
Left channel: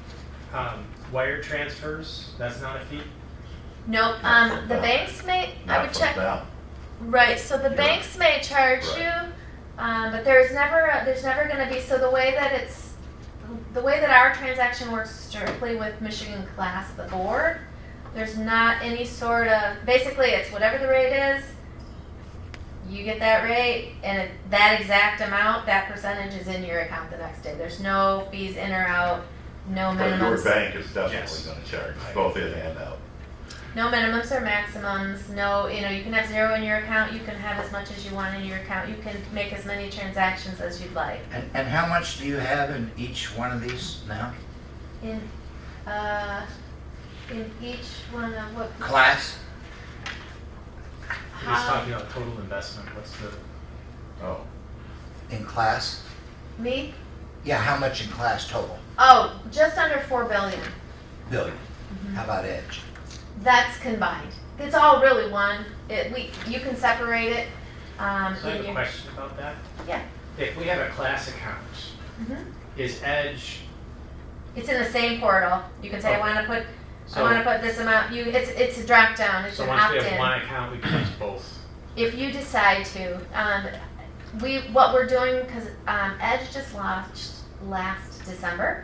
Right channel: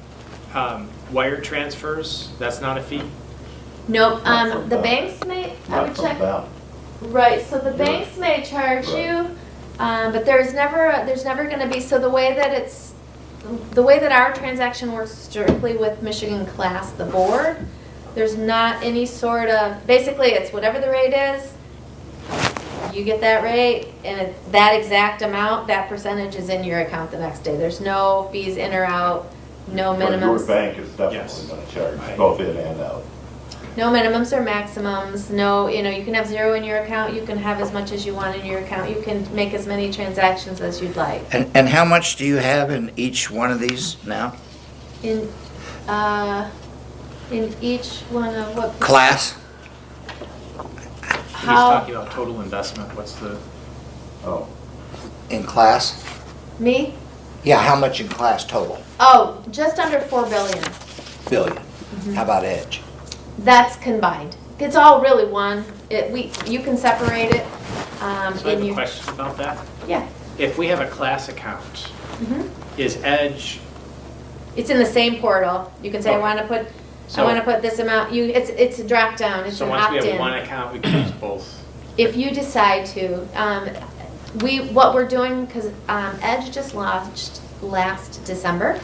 Wire transfers, that's not a fee? Nope, Not from the down. banks may, I Not would from check. down. Right, so the banks may charge Right. you, but there's never gonna be, so the way that our transaction works strictly with Michigan Class, the board, there's not any sort of, basically it's whatever the rate is, you get that rate, and that exact amount, that percentage is in your account the next day. There's no fees in or out, no But your minimums. bank is Yes. definitely gonna charge both in and out. No minimums or maximums, no, you can have zero in your account, you can have as much as you want in your account, you can make as many transactions as you'd like. And how much do you have in each one of these now? In each one of what? Class? He's How, talking about total investment, what's the, Oh, In class? me? Yeah, how much in class total? Oh, just under 4 billion. Billion. How about Edge? That's combined. It's all really one. You can separate it. so I have in a your. question about that. Yeah. If we have a class account, Mhm. is Edge, It's in the same portal. You can say, I Okay. want to put, I So- want to put this amount. It's a drop down. It's so an once we have opt-in. one account, we can use both? If you decide to, what we're doing, because Edge just launched last December,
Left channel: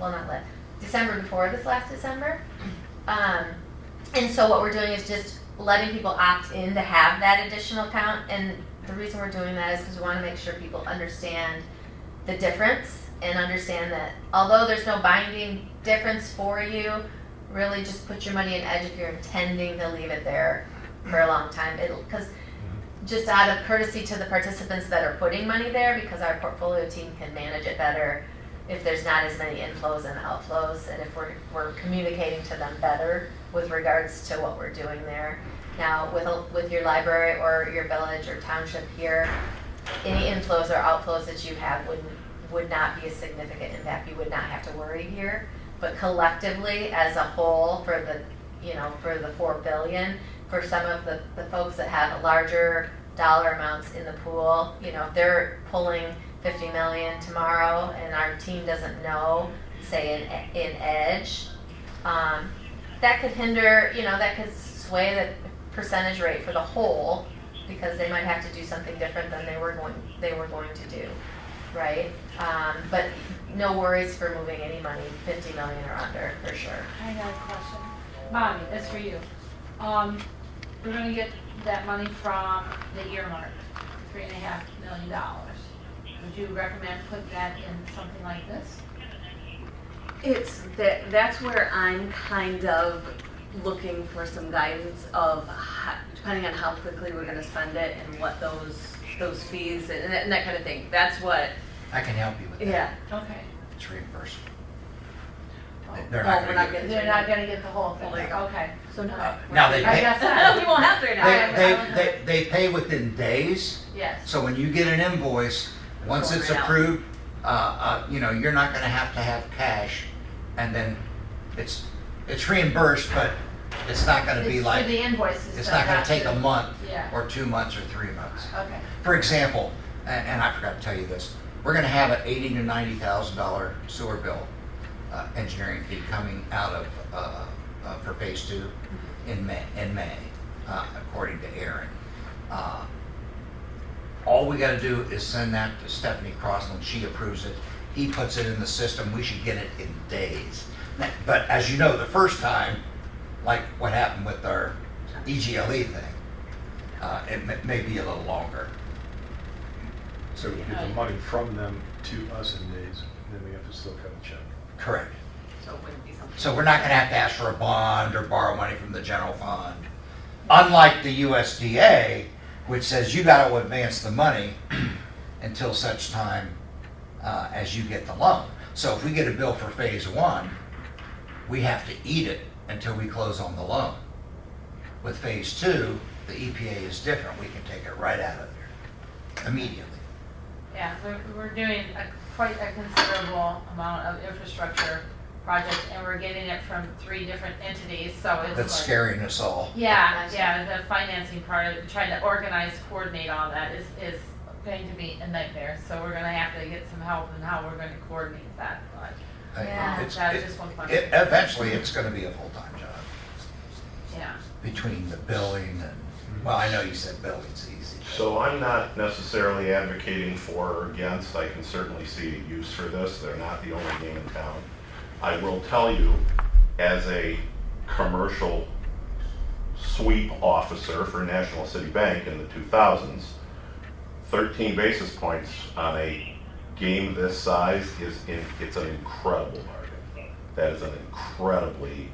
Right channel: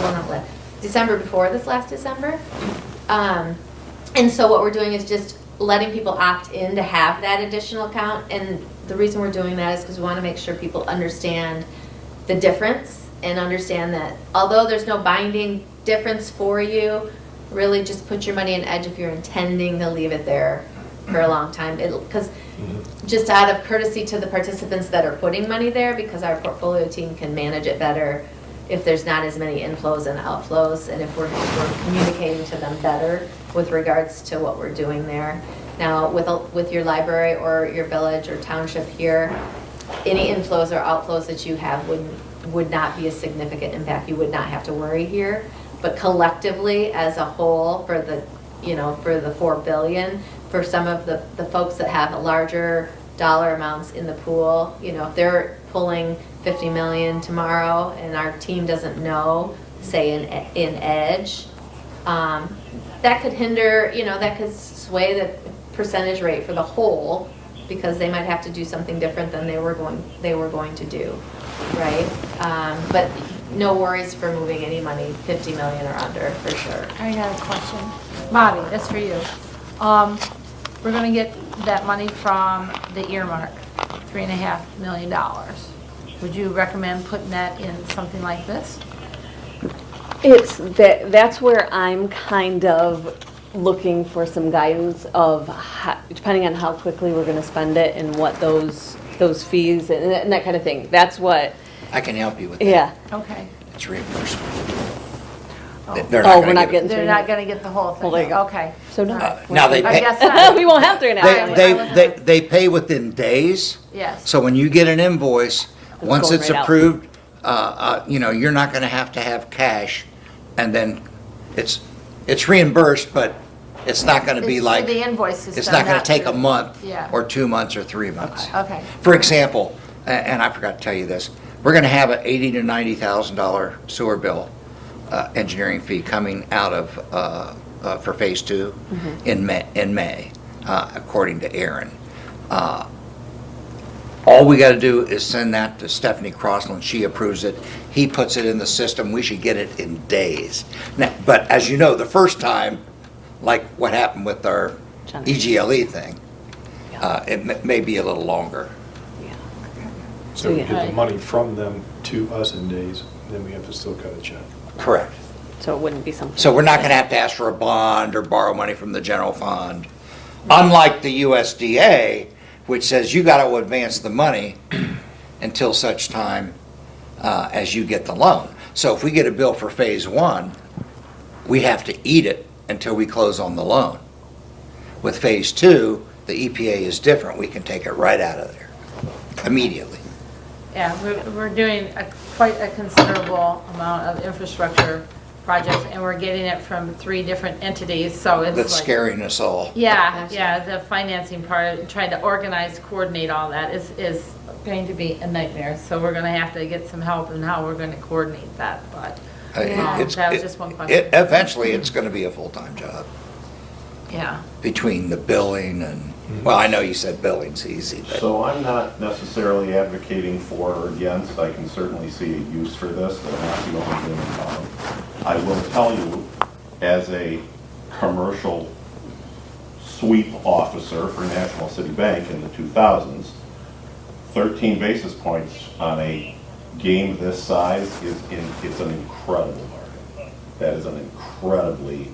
well, not last, December before this last December. And so what we're doing is just letting people opt in to have that additional account. And the reason we're doing that is because we want to make sure people understand the difference and understand that although there's no binding difference for you, really just put your money in Edge if you're intending to leave it there for a long time. Because just out of courtesy to the participants that are putting money there, because our portfolio team can manage it better if there's not as many inflows and outflows, and if we're communicating to them better with regards to what we're doing there. Now, with your library or your village or township here, any inflows or outflows that you have would not be a significant impact. You would not have to worry here. But collectively, as a whole, for the 4 billion, for some of the folks that have a larger dollar amounts in the pool, if they're pulling 50 million tomorrow and our team doesn't know, say in Edge, that could hinder, that could sway the percentage rate for the whole, because they might have to do something different than they were going to do, right? But no worries for moving any money 50 million or under, for sure. I got a question. Bobby, that's for you. We're gonna get that money from the earmark, $3.5 million. Would you recommend putting that in something like this? That's where I'm kind of looking for some guidance of depending on how quickly we're gonna spend it and what those fees and that kind of thing. That's what, I can help you with that. yeah. Okay. It's reimbursement. Oh. They're Oh, gonna we're not give it- getting They're not gonna get the whole thing? Well, there you go. Okay. So no. Now they I pay, guess not. We won't have to now. they pay within days. Yes. So when you get an invoice, once going it's right out. approved, you're not gonna have to have cash, and then it's reimbursed, but it's not gonna be It's like, through the invoice system. it's not gonna not take a through- month, Yeah. or 2 months, or 3 months. Okay. For example, and I forgot to tell you this, we're gonna have an $80,000 to $90,000 sewer bill, engineering fee coming out of, for phase 2 in May, according to Aaron. All we gotta do is send that to Stephanie Crossland, she approves it, he puts it in the system, we should get it in days. Now, but as you know, the first time, like what happened with our EGLE thing, it may be a little longer. So we Yeah. get the money from them to us in days, then we have to still cut a check. Correct. So it wouldn't be something. So we're not gonna have to ask for a bond or borrow money from the general fund. Unlike the USDA, which says you gotta advance the money until such time as you get the loan. So if we get a bill for phase one, we have to eat it until we close on the loan. With phase two, the EPA is different. We can take it right out of there immediately. Yeah, we're doing quite a considerable amount of infrastructure projects, and we're getting it from 3 different entities, so it's like. That's scaring us all. Yeah, yeah, the financing part, trying to organize, coordinate all that is going to be a nightmare. So we're gonna have to get some help in how we're gonna coordinate that, but, that was just one question. Eventually, it's gonna be a full-time job Yeah. between the billing and, well, I know you said billing's easy, but So I'm not necessarily advocating for or against. I can certainly see a use for this. They're not the only game in town. I will tell you, as a commercial sweep officer for National City Bank in the 2000s, 13 basis points on a game this size it's an incredible market. That is an incredibly,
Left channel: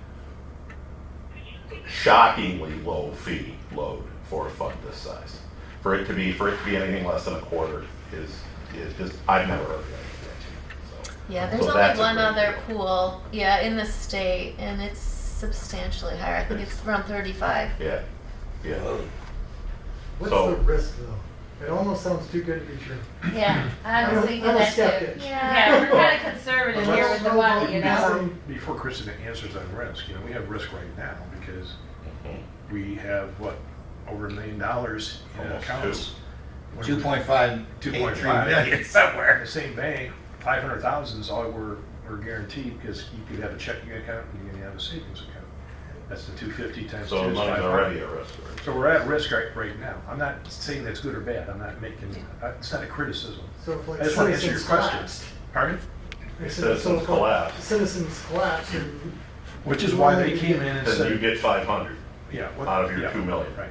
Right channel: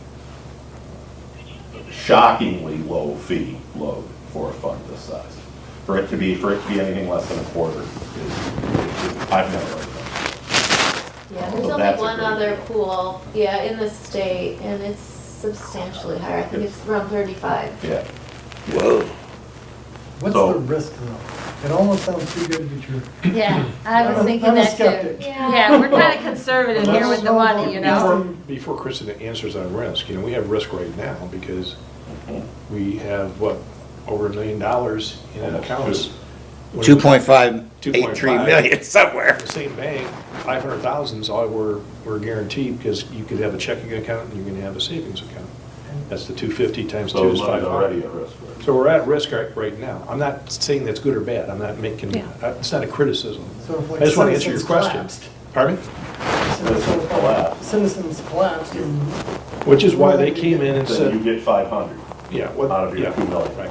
shockingly low fee load for a fund this size. For it to be anything less than a quarter is I've never heard of Yeah, there's Well, only that's a one great other deal. pool, yeah, in the state, and it's substantially higher. I think it's around 35. it. Yeah. whoa. What's So- the risk though? It almost sounds too good to be true. Yeah, I was I'm thinking a that too. skeptic. Yeah, we're kind of conservative here with the money, you know? Before Kristen answers on risk, we have risk right now because we have, over $1 million in accounts. 2.583 million somewhere. The same bank, 500,000 is all we're guaranteed because you could have a checking account and you can have a savings account. That's the 250 times 2 So is money's already 500. at risk. So we're at risk right now. I'm not saying that's good or bad. I'm not making, Yeah. it's not a criticism. So if, like, I just want to answer your citizens question. collapsed, Pardon? Citizens collapse. Citizens collapse and. Which is why they came in and Then you said, get 500 yeah, out what, of your yeah, 2 million. right.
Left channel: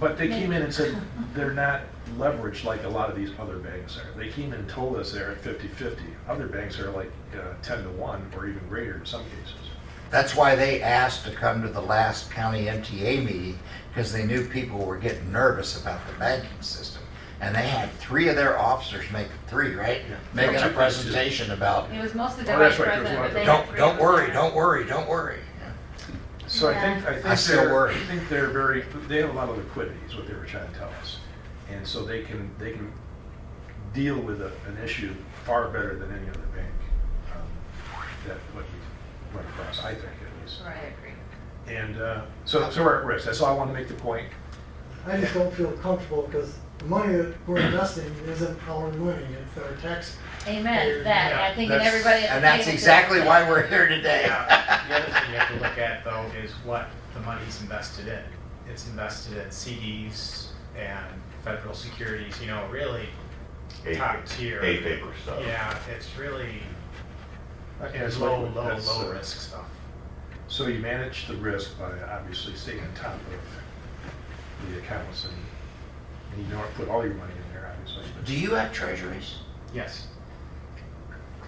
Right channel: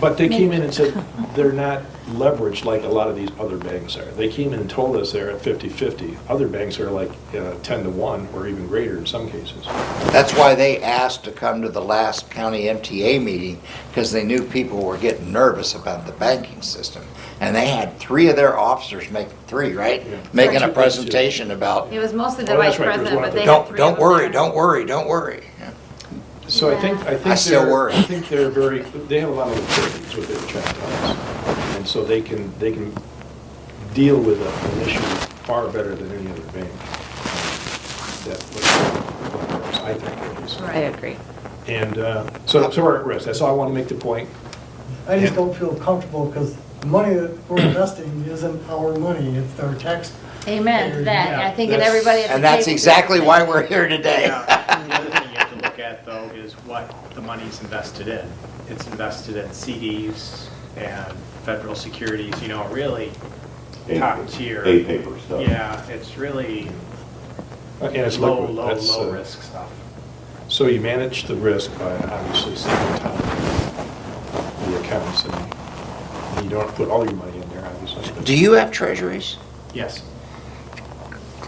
But they came in and said they're not leveraged like a lot of these other banks are. They came in and told us they're at 50-50. Other banks are like 10-1 or even greater in some cases. That's why they asked to come to the last county MTA meeting, because they knew people were getting nervous about the banking system. And they had 3 of their officers right? Yeah. Making a Actually, presentation about, It was mostly the Oh, that's vice right, there was president, one but they other- had 3 don't of worry, them. don't worry, don't worry. Yeah. So I think I still worry. I think they have a lot of liquidity is what they were trying to tell us. And so they can deal with an issue far better than any other bank. I think at least. I agree. And so we're at risk. That's all I want to make the point. I just don't feel comfortable because the money that we're investing isn't our money, it's our tax. Amen, that, Yeah, I think that that's- everybody. at the And that's table- exactly why we're here today. Yeah, the other thing you have to look at though is what the money's invested in. It's invested in CDs and federal securities, really top tier. A-paper stuff. Yeah, it's really And it's low, liquid. low, That's, low risk stuff. So you manage the risk by obviously saving time in the accounts, and you don't have to put all your money in there, obviously. but- Do you have treasuries? Yes.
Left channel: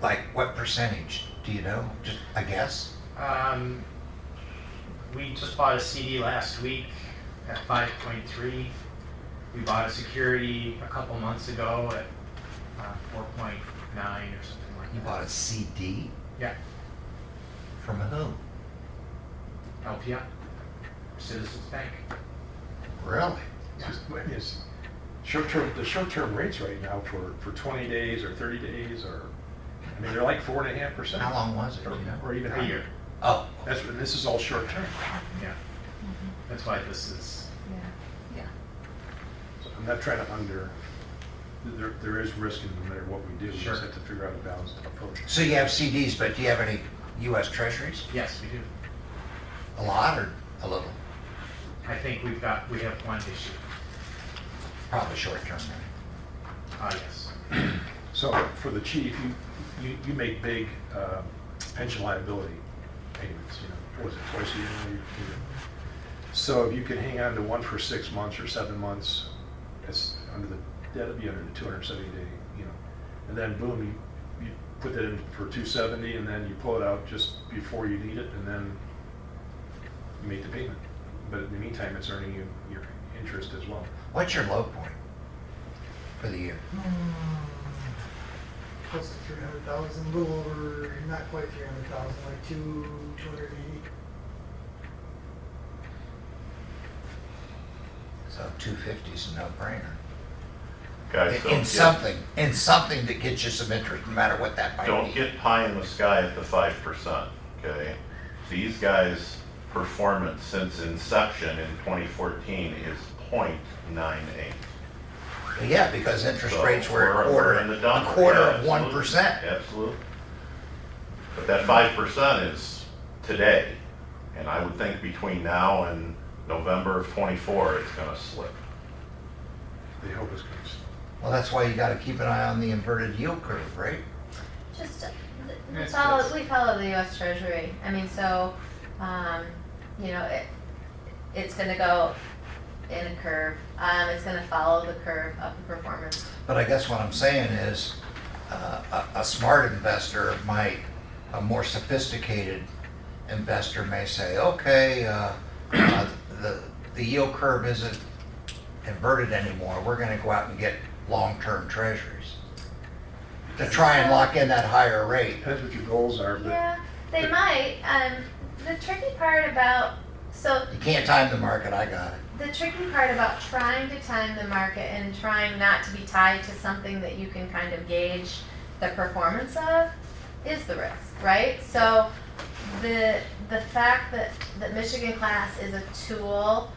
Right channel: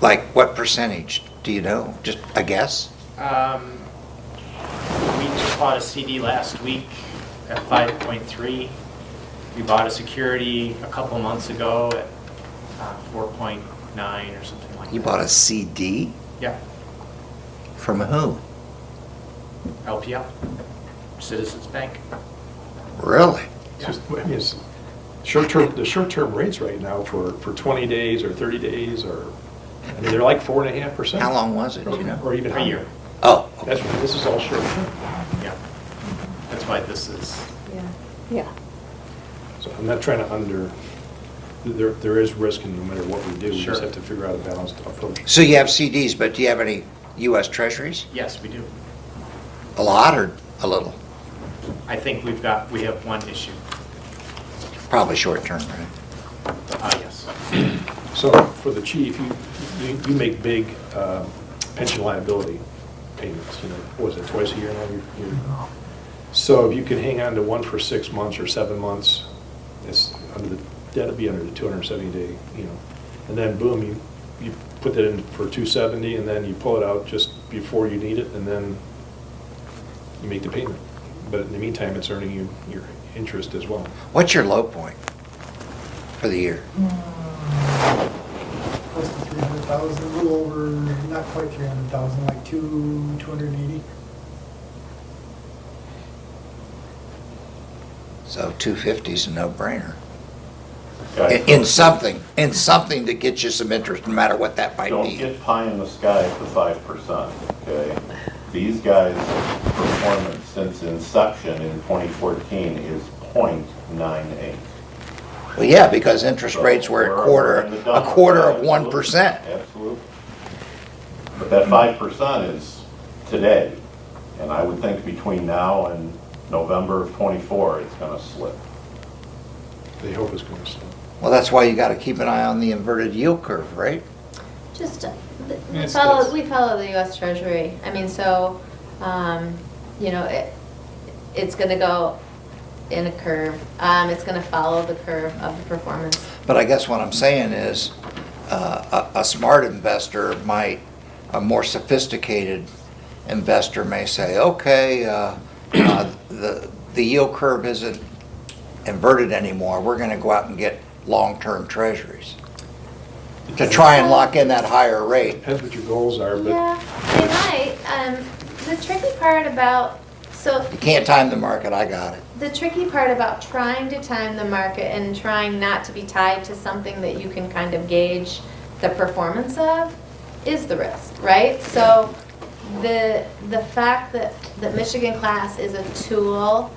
Like what percentage? Do you know? Just a guess? We just bought a CD last week at 5.3. We bought a security a couple months ago at 4.9 or something like that. You bought a CD? Yeah, From who? LPI, Citizens Bank. Really? It's just, it's the short-term rates right now for 20 days or 30 days they're like 4.5%. How long was it, do you know? Or even A higher. year. Oh, That's right, this is all short-term. Yeah. That's why this is, Yeah. So I'm not trying to there is risk in no matter what we do. We Sure. just have to figure out a balanced approach. so you have CDs, but do you have any US treasuries? yes, we do. A lot or a little? I think we have one issue. Probably short term, right? Yes. So for the chief, you make big pension liability payments, what was it, twice a year now? So if you can hang on to one for 6 months or 7 months, that'd be under the 270 day, and then boom, you put that in for 270, and then you pull it out just before you need it, and then you make the payment. But in the meantime, it's earning you your interest as well. What's your low point for the year? Close to 300,000, a little over, not quite 300,000, like 280. So 250 is a no-brainer. Okay, In so something that gets you some interest, no matter what that might don't be. get pie in the sky at the 5%, okay? These guys' performance since inception in 2014 is 0.98. Well, yeah, because interest rates were We're in the a dump. quarter Yeah, of 1%. Absolutely. But that 5% is today, and I would think between now and November of '24, it's gonna slip. They hope it's going to slow. Well, that's why you gotta keep an eye on the inverted yield curve, right? Just, Yes, we follow the US Treasury. I mean, so, it's gonna go in a curve. It's gonna follow the curve of the performance. But I guess what I'm saying is, a smart investor might, a more sophisticated investor may say, okay, the yield curve isn't inverted anymore, we're gonna go out and get long-term treasuries to try and lock in that higher rate. Depends what your goals are, but Yeah, they might. The tricky part about, You can't time the market, I got it. the tricky part about trying to time the market and trying not to be tied to something that you can kind of gauge the performance of is the risk, right? So the fact that Michigan Class is a tool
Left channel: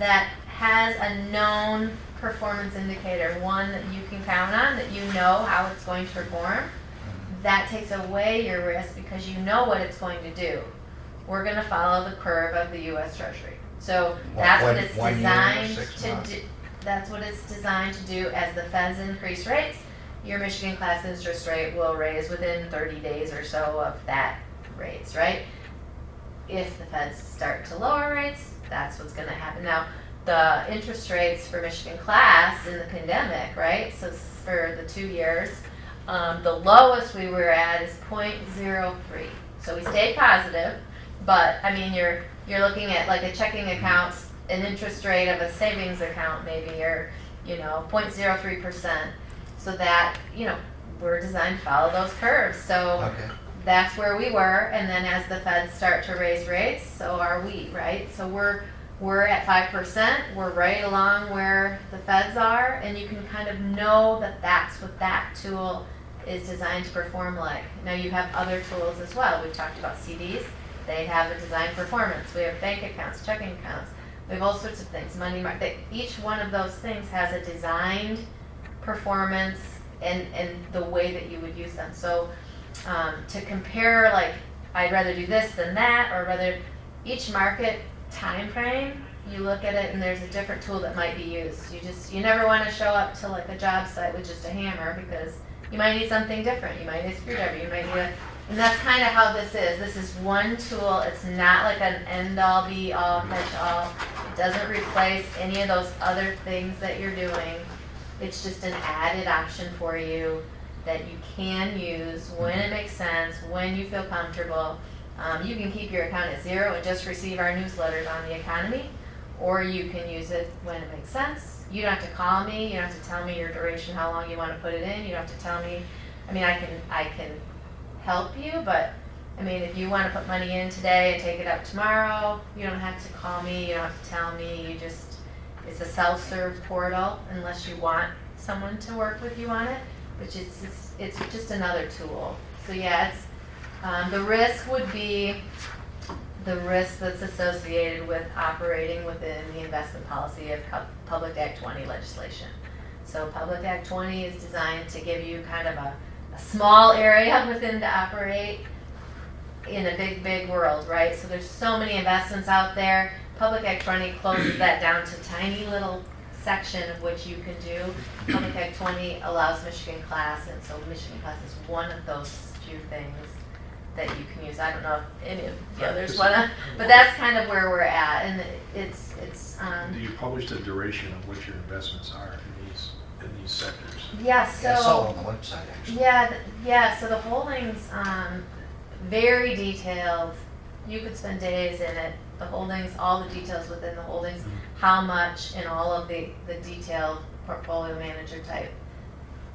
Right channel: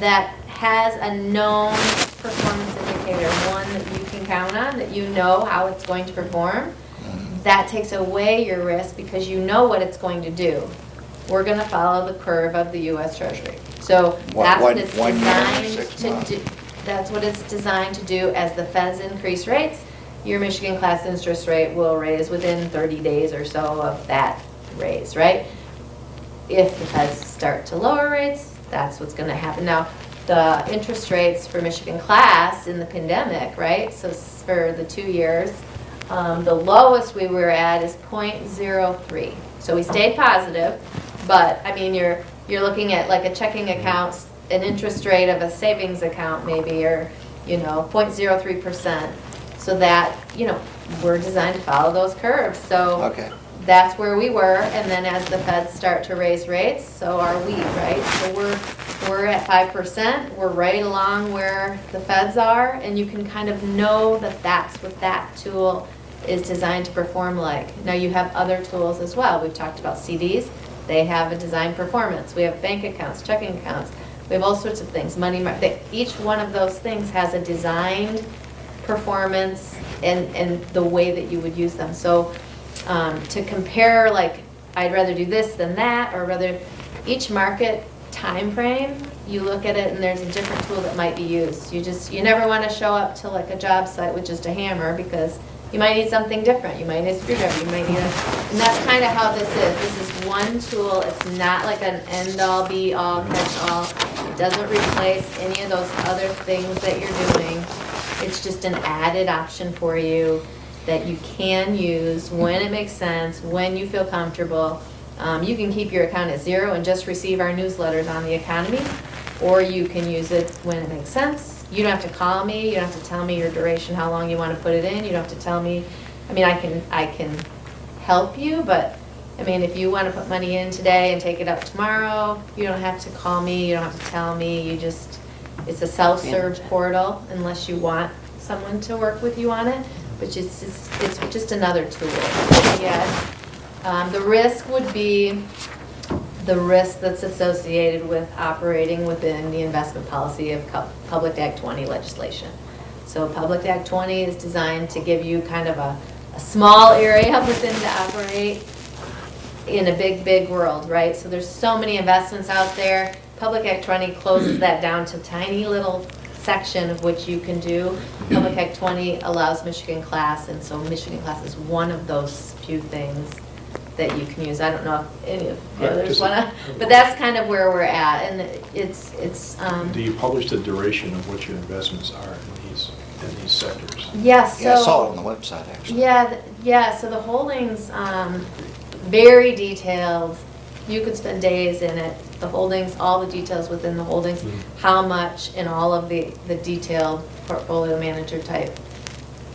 that has a known performance indicator, one that you can count on, that you know how it's going to perform, that takes away your risk because you know what it's going to do. We're gonna follow the curve of the US Treasury. So that's what it's One year, designed 6 to months. do. That's what it's designed to do. As the feds increase rates, your Michigan Class interest rate will raise within 30 days or so of that raise, right? If the feds start to lower rates, that's what's gonna happen. Now, the interest rates for Michigan Class in the pandemic, right? So for the 2 years, the lowest we were at is 0.03. So we stayed positive, but I mean, you're looking at like a checking account, an interest rate of a savings account maybe, or 0.03%. So that, we're designed to follow those curves. So Okay. that's where we were, and then as the feds start to raise rates, so are we, right? So we're at 5%, we're right along where the feds are, and you can kind of know that that's what that tool is designed to perform like. Now you have other tools as well. We've talked about CDs, they have a designed performance. We have bank accounts, checking accounts, we have all sorts of things, money market. Each one of those things has a designed performance and the way that you would use them. So to compare, like, I'd rather do this than that, or rather, each market time frame, you look at it and there's a different tool that might be used. You never want to show up to like a job site with just a hammer, because you might need something different. You might need a screwdriver, you might need and that's kind of how this is. This is one tool. It's not like an end-all, be-all, catch-all. It doesn't replace any of those other things that you're doing. It's just an added option for you that you can use when it makes sense, when you feel comfortable. You can keep your account at 0 and just receive our newsletters on the economy, or you can use it when it makes sense. You don't have to call me, you don't have to tell me your duration, how long you want to put it in, you don't have to tell me. I mean, I can help you, but I mean, if you want to put money in today and take it up tomorrow, you don't have to call me, you don't have to tell me, it's a self-serve portal unless you want someone to work with you on it, which is it's just another tool. Yes. The risk would be the risk that's associated with operating within the investment policy of Public Act 20 legislation. So Public Act 20 is designed to give you kind of a small area within to operate in a big, big world, right? So there's so many investments out there. Public Act 20 closes that down to tiny little section of which you can do. Public Act 20 allows Michigan Class, and so Michigan Class is one of those few things that you can use. I don't know if any of the Right, others just- wanna, but that's kind of where we're at, and it's, Do you publish the duration of what your investments are in these sectors? yeah, so. Yeah, it's all on the website, actually. Yeah, yeah, so the holdings, very detailed. You could spend days in it. The holdings, all the details within the holdings, Mhm. how much, and all of the detailed portfolio manager type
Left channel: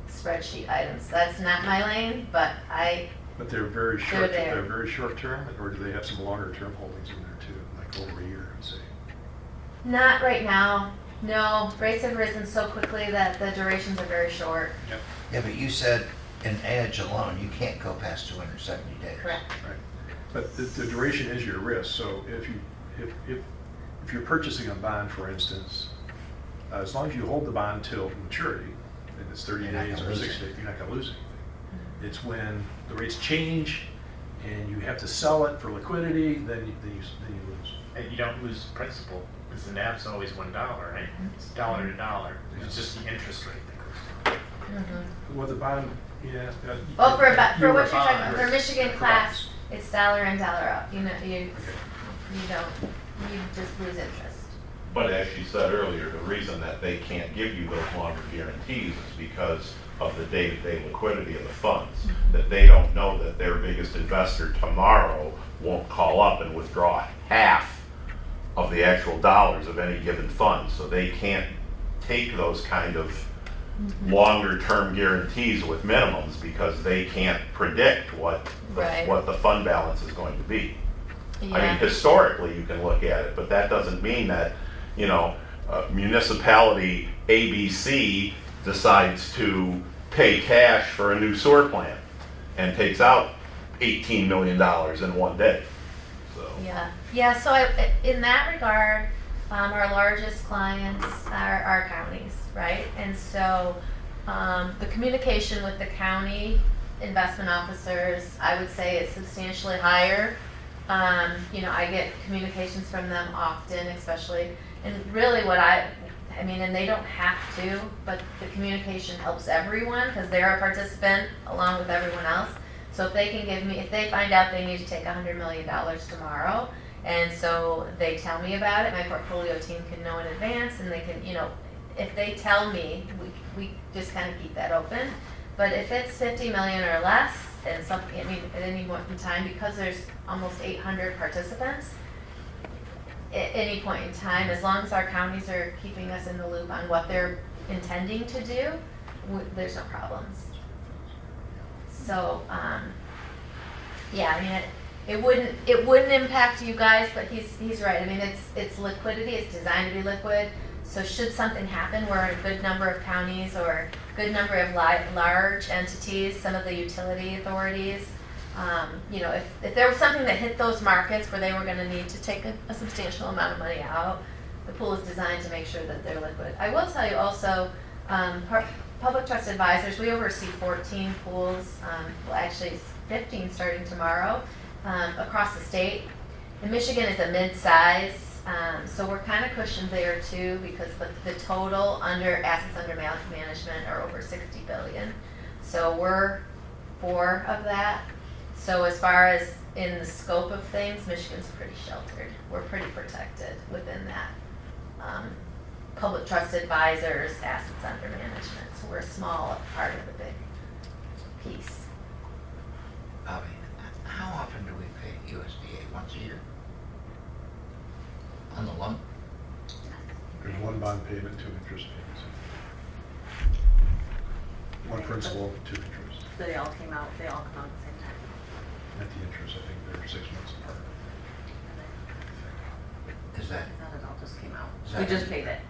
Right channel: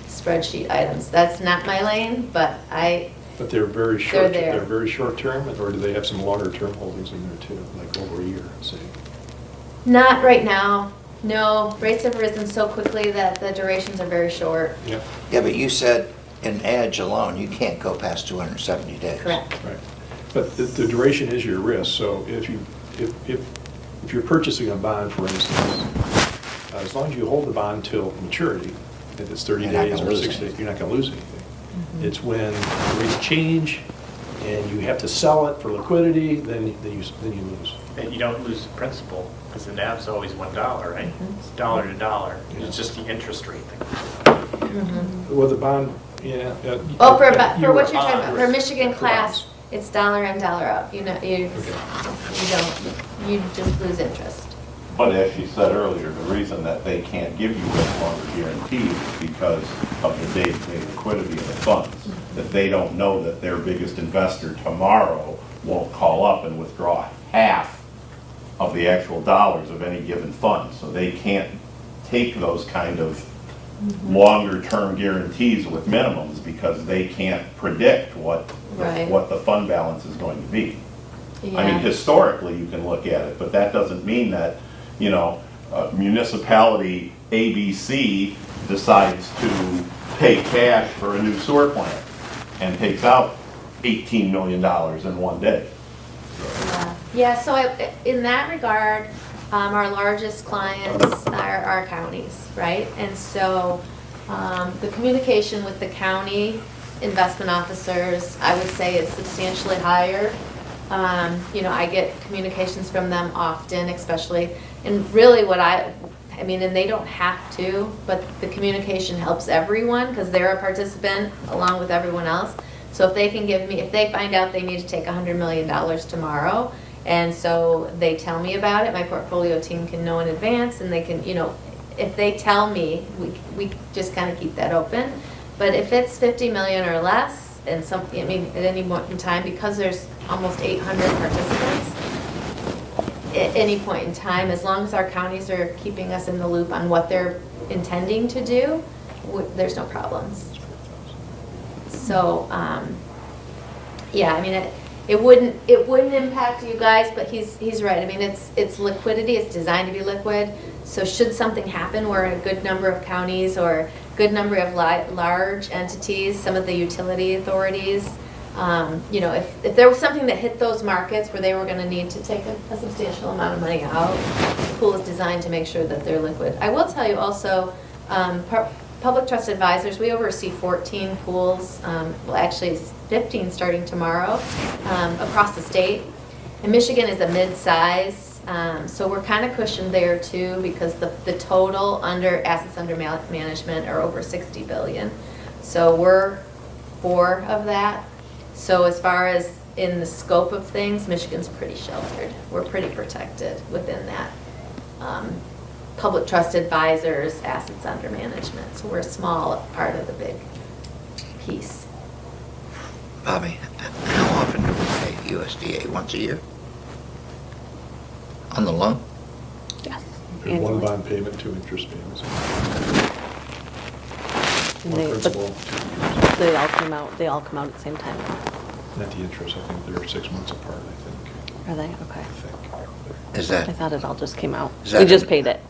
spreadsheet items. That's not my lane, but But they're very short, there. they're very short term, or do they have some longer term holdings in there too, like over a year, say? not right now. No, rates have risen so quickly that the durations are very short. Yeah, Yeah, but you said in Edge alone, you can't go past 270 days. Correct. right. But the duration is your risk, so if you're purchasing a bond, for instance, as long as you hold the bond till maturity, if it's 30 You're not days gonna or lose 60 days, anything. you're not gonna lose anything. It's when the rates change and you have to sell it for liquidity, then you lose. And you don't lose the principal, because the NAV's always $1, right? Mhm. It's dollar to dollar. It's just the interest rate. Well, the bond, yeah. Oh, for You what were you're talking about, bond, for Michigan for class, bonds. it's dollar in, dollar out. You know, you don't, you just lose interest. But as you said earlier, the reason that they can't give you a longer guarantee is because of the day-to-day liquidity of the funds. That they don't know that their biggest investor tomorrow won't call up and withdraw half of the actual dollars of any given fund. So they can't take those kind of longer-term guarantees with minimums because they can't predict what Right. the fund balance is going to be. I mean, Yeah. historically, you can look at it, but that doesn't mean that, you know, municipality ABC decides to pay cash for a new sewer plant and takes out $18 million in one day. Yeah, so in that regard, our largest clients are our counties, right? And so the communication with the county investment officers, I would say is substantially higher. You know, I get communications from them often, especially, and really what I mean, and they don't have to, but the communication helps everyone because they're a participant along with everyone else. So if they can give me, if they find out they need to take $100 million tomorrow, and so they tell me about it, my portfolio team can know in advance, and they can, you know, if they tell me, we just kind of keep that open. But if it's 50 million or less, and something, I mean, at any point in time, because there's almost 800 participants, at any point in time, as long as our counties are keeping us in the loop on what they're intending to do, there's no problems. So, yeah, I mean, it wouldn't impact you guys, but he's right. I mean, it's liquidity, it's designed to be liquid. So should something happen where a good number of counties or a good number of large entities, some of the utility authorities, you know, if there was something that hit those markets where they were gonna need to take a substantial amount of money out, the pool is designed to make sure that they're liquid. I will tell you also, Public Trust Advisors, we oversee 14 pools, well actually 15 starting tomorrow, across the state. And Michigan is a mid-size, so we're kind of cushioned there too because the total assets under management are over 60 billion. So we're 4 of that. So as far as in the scope of things, Michigan's pretty sheltered. We're pretty protected within that. Public Trust Advisors, assets under management. So we're a small part of the big piece. Bobby, how often do we pay USDA? Once a year? On the loan? Yes. One bond payment, 2 interest payments. And One they- principal, but 2 interest. They all come out at the same time. Not the interest, I think they're 6 months apart, I think. Are they? I Okay. think. Is I that, thought it all just came out. Is that We just in- paid it.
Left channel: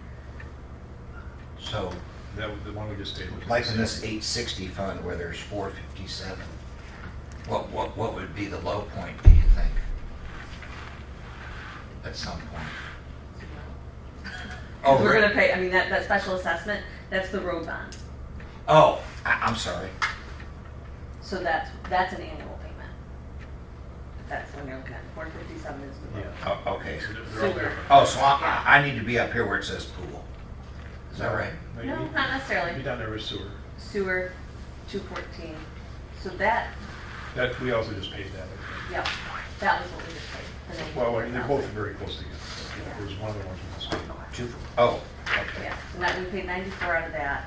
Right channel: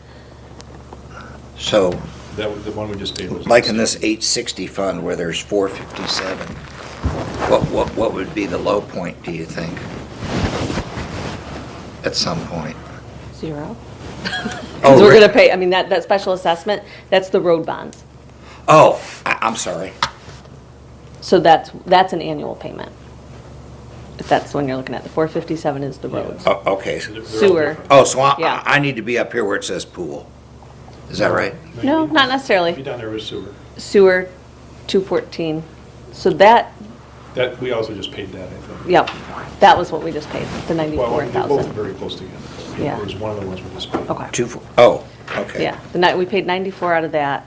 so, That was, the one we just paid was. like in this 860 fund where there's 457, what would be the low point, do you think? At some point? 0. Oh, Because we're really? gonna pay, I mean, that special assessment, that's the road bonds. Oh, I'm sorry. So that's an annual payment. If that's the one you're looking at, the 457 is the roads. Oh, okay. Sewer. Oh, so Yeah. I need to be up here where it says pool. Is that right? No, not Be necessarily. down there with sewer. Sewer, 214. So that That, we also just paid that, I think. Yep, that was what we just paid, the Well, they're both 94,000. very close together. Yeah. It was one of the ones we just paid. Okay, Okay. yeah, we paid 94 out of that,